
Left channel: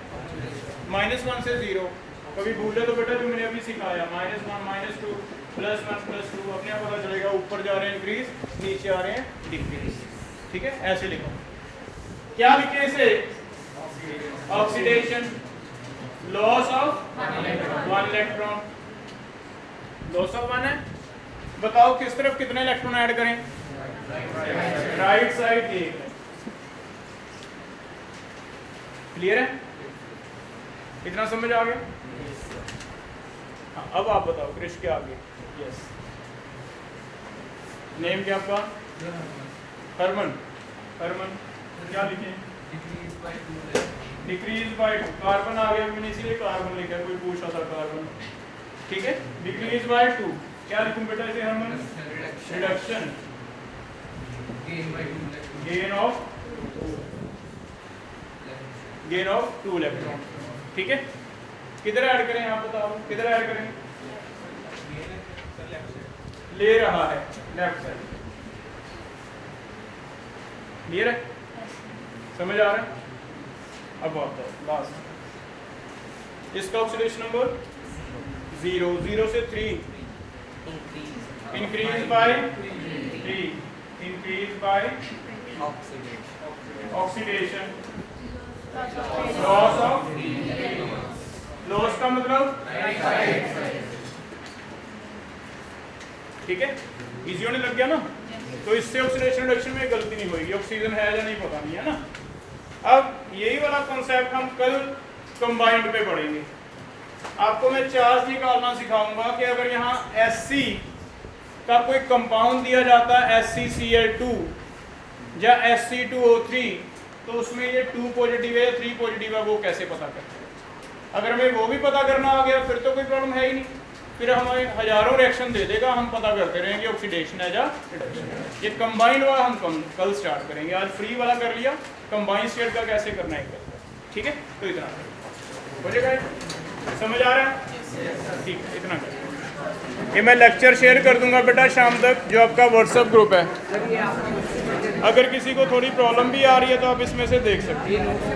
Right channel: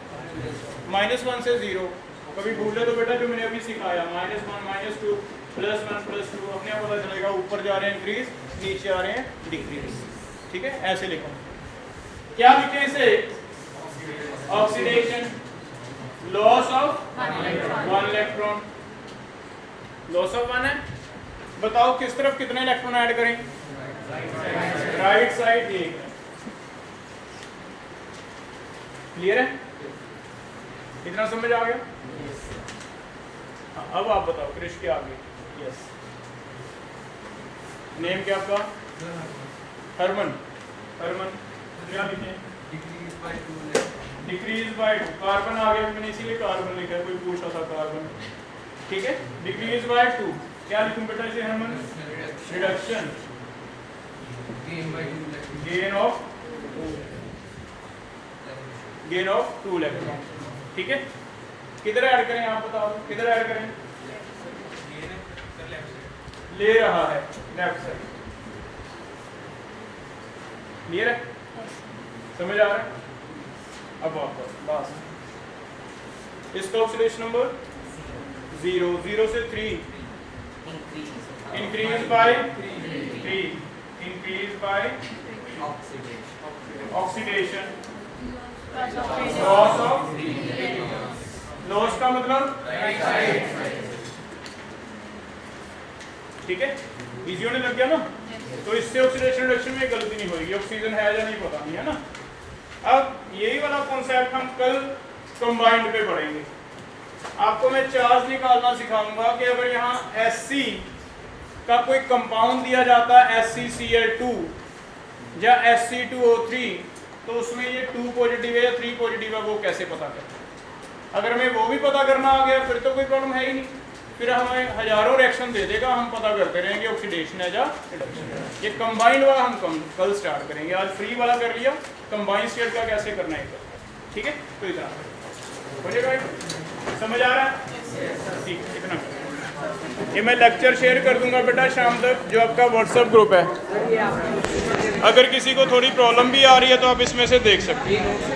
-1 से 0। कभी भूले तो बेटा जो मैंने अभी सिखाया, -1, -2, +1, +2, अपने आप पता चलेगा। ऊपर जा रहे हैं इंक्रीज, नीचे आ रहे हैं डिक्रीज, ठीक है। ऐसे लिखो। क्या लिखे इसे? Oxidation, loss of 1 electron. Loss of 1 है। बताओ किस तरफ कितने इलेक्ट्रॉन ऐड करें? Right side 1। क्लियर है? इतना समझ आ गया? अब आप बताओ क्रिश क्या आ गया? यस। नेम क्या आपका? हरमन। हरमन, क्या लिखे? Decrease by 2। कार्बन आ गया, मैंने इसीलिए कार्बन लिखा, कोई पूछा था कार्बन, ठीक है। डिक्रीज बाय 2, क्या लिखूं बेटा इसे हरमन? रिडक्शन, गेन ऑफ 2 इलेक्ट्रॉन, ठीक है। किधर ऐड करें आप बताओ, किधर ऐड करें? ले रहा है लेफ्ट साइड। क्लियर है? समझ आ रहा है? अब आप लास्ट, इसका ऑक्सीडेशन नंबर 0, 0 से 3, increase by 3, increase by oxidation, loss of, loss का मतलब, ठीक है। इजी होने लग गया ना? तो इससे ऑक्सीडेशन रिडक्शन में गलती नहीं होगी। ऑक्सीजन है या नहीं पता नहीं, है ना। अब यही वाला कॉन्सेप्ट हम कल कंबाइंड पे पढ़ेंगे। आपको मैं चार्ज निकालना सिखाऊंगा कि अगर यहाँ Hc का कोई कंपाउंड दिया जाता है HCCl2 या Hc2O3, तो उसमें ये 2 पॉजिटिव है या 3 पॉजिटिव है, वो कैसे पता करें? अगर हमें वो भी पता करना आ गया फिर तो कोई प्रॉब्लम है ही नहीं। फिर हमें हजारों रिएक्शन दे देगा, हम पता करते रहेंगे ऑक्सीडेशन है या रिडक्शन। ये कंबाइंड वाला हम कल स्टार्ट करेंगे। आज फ्री वाला कर लिया, कंबाइंड स्टेट का कैसे करना है। ठीक है, तो इतना हो जाएगा। समझ आ रहा है? ठीक, इतना ये मैं लेक्चर शेयर कर दूंगा बेटा शाम तक, जो आपका व्हाट्सएप ग्रुप है। अगर किसी को थोड़ी प्रॉब्लम भी आ रही है तो आप इसमें से देख सकते हैं।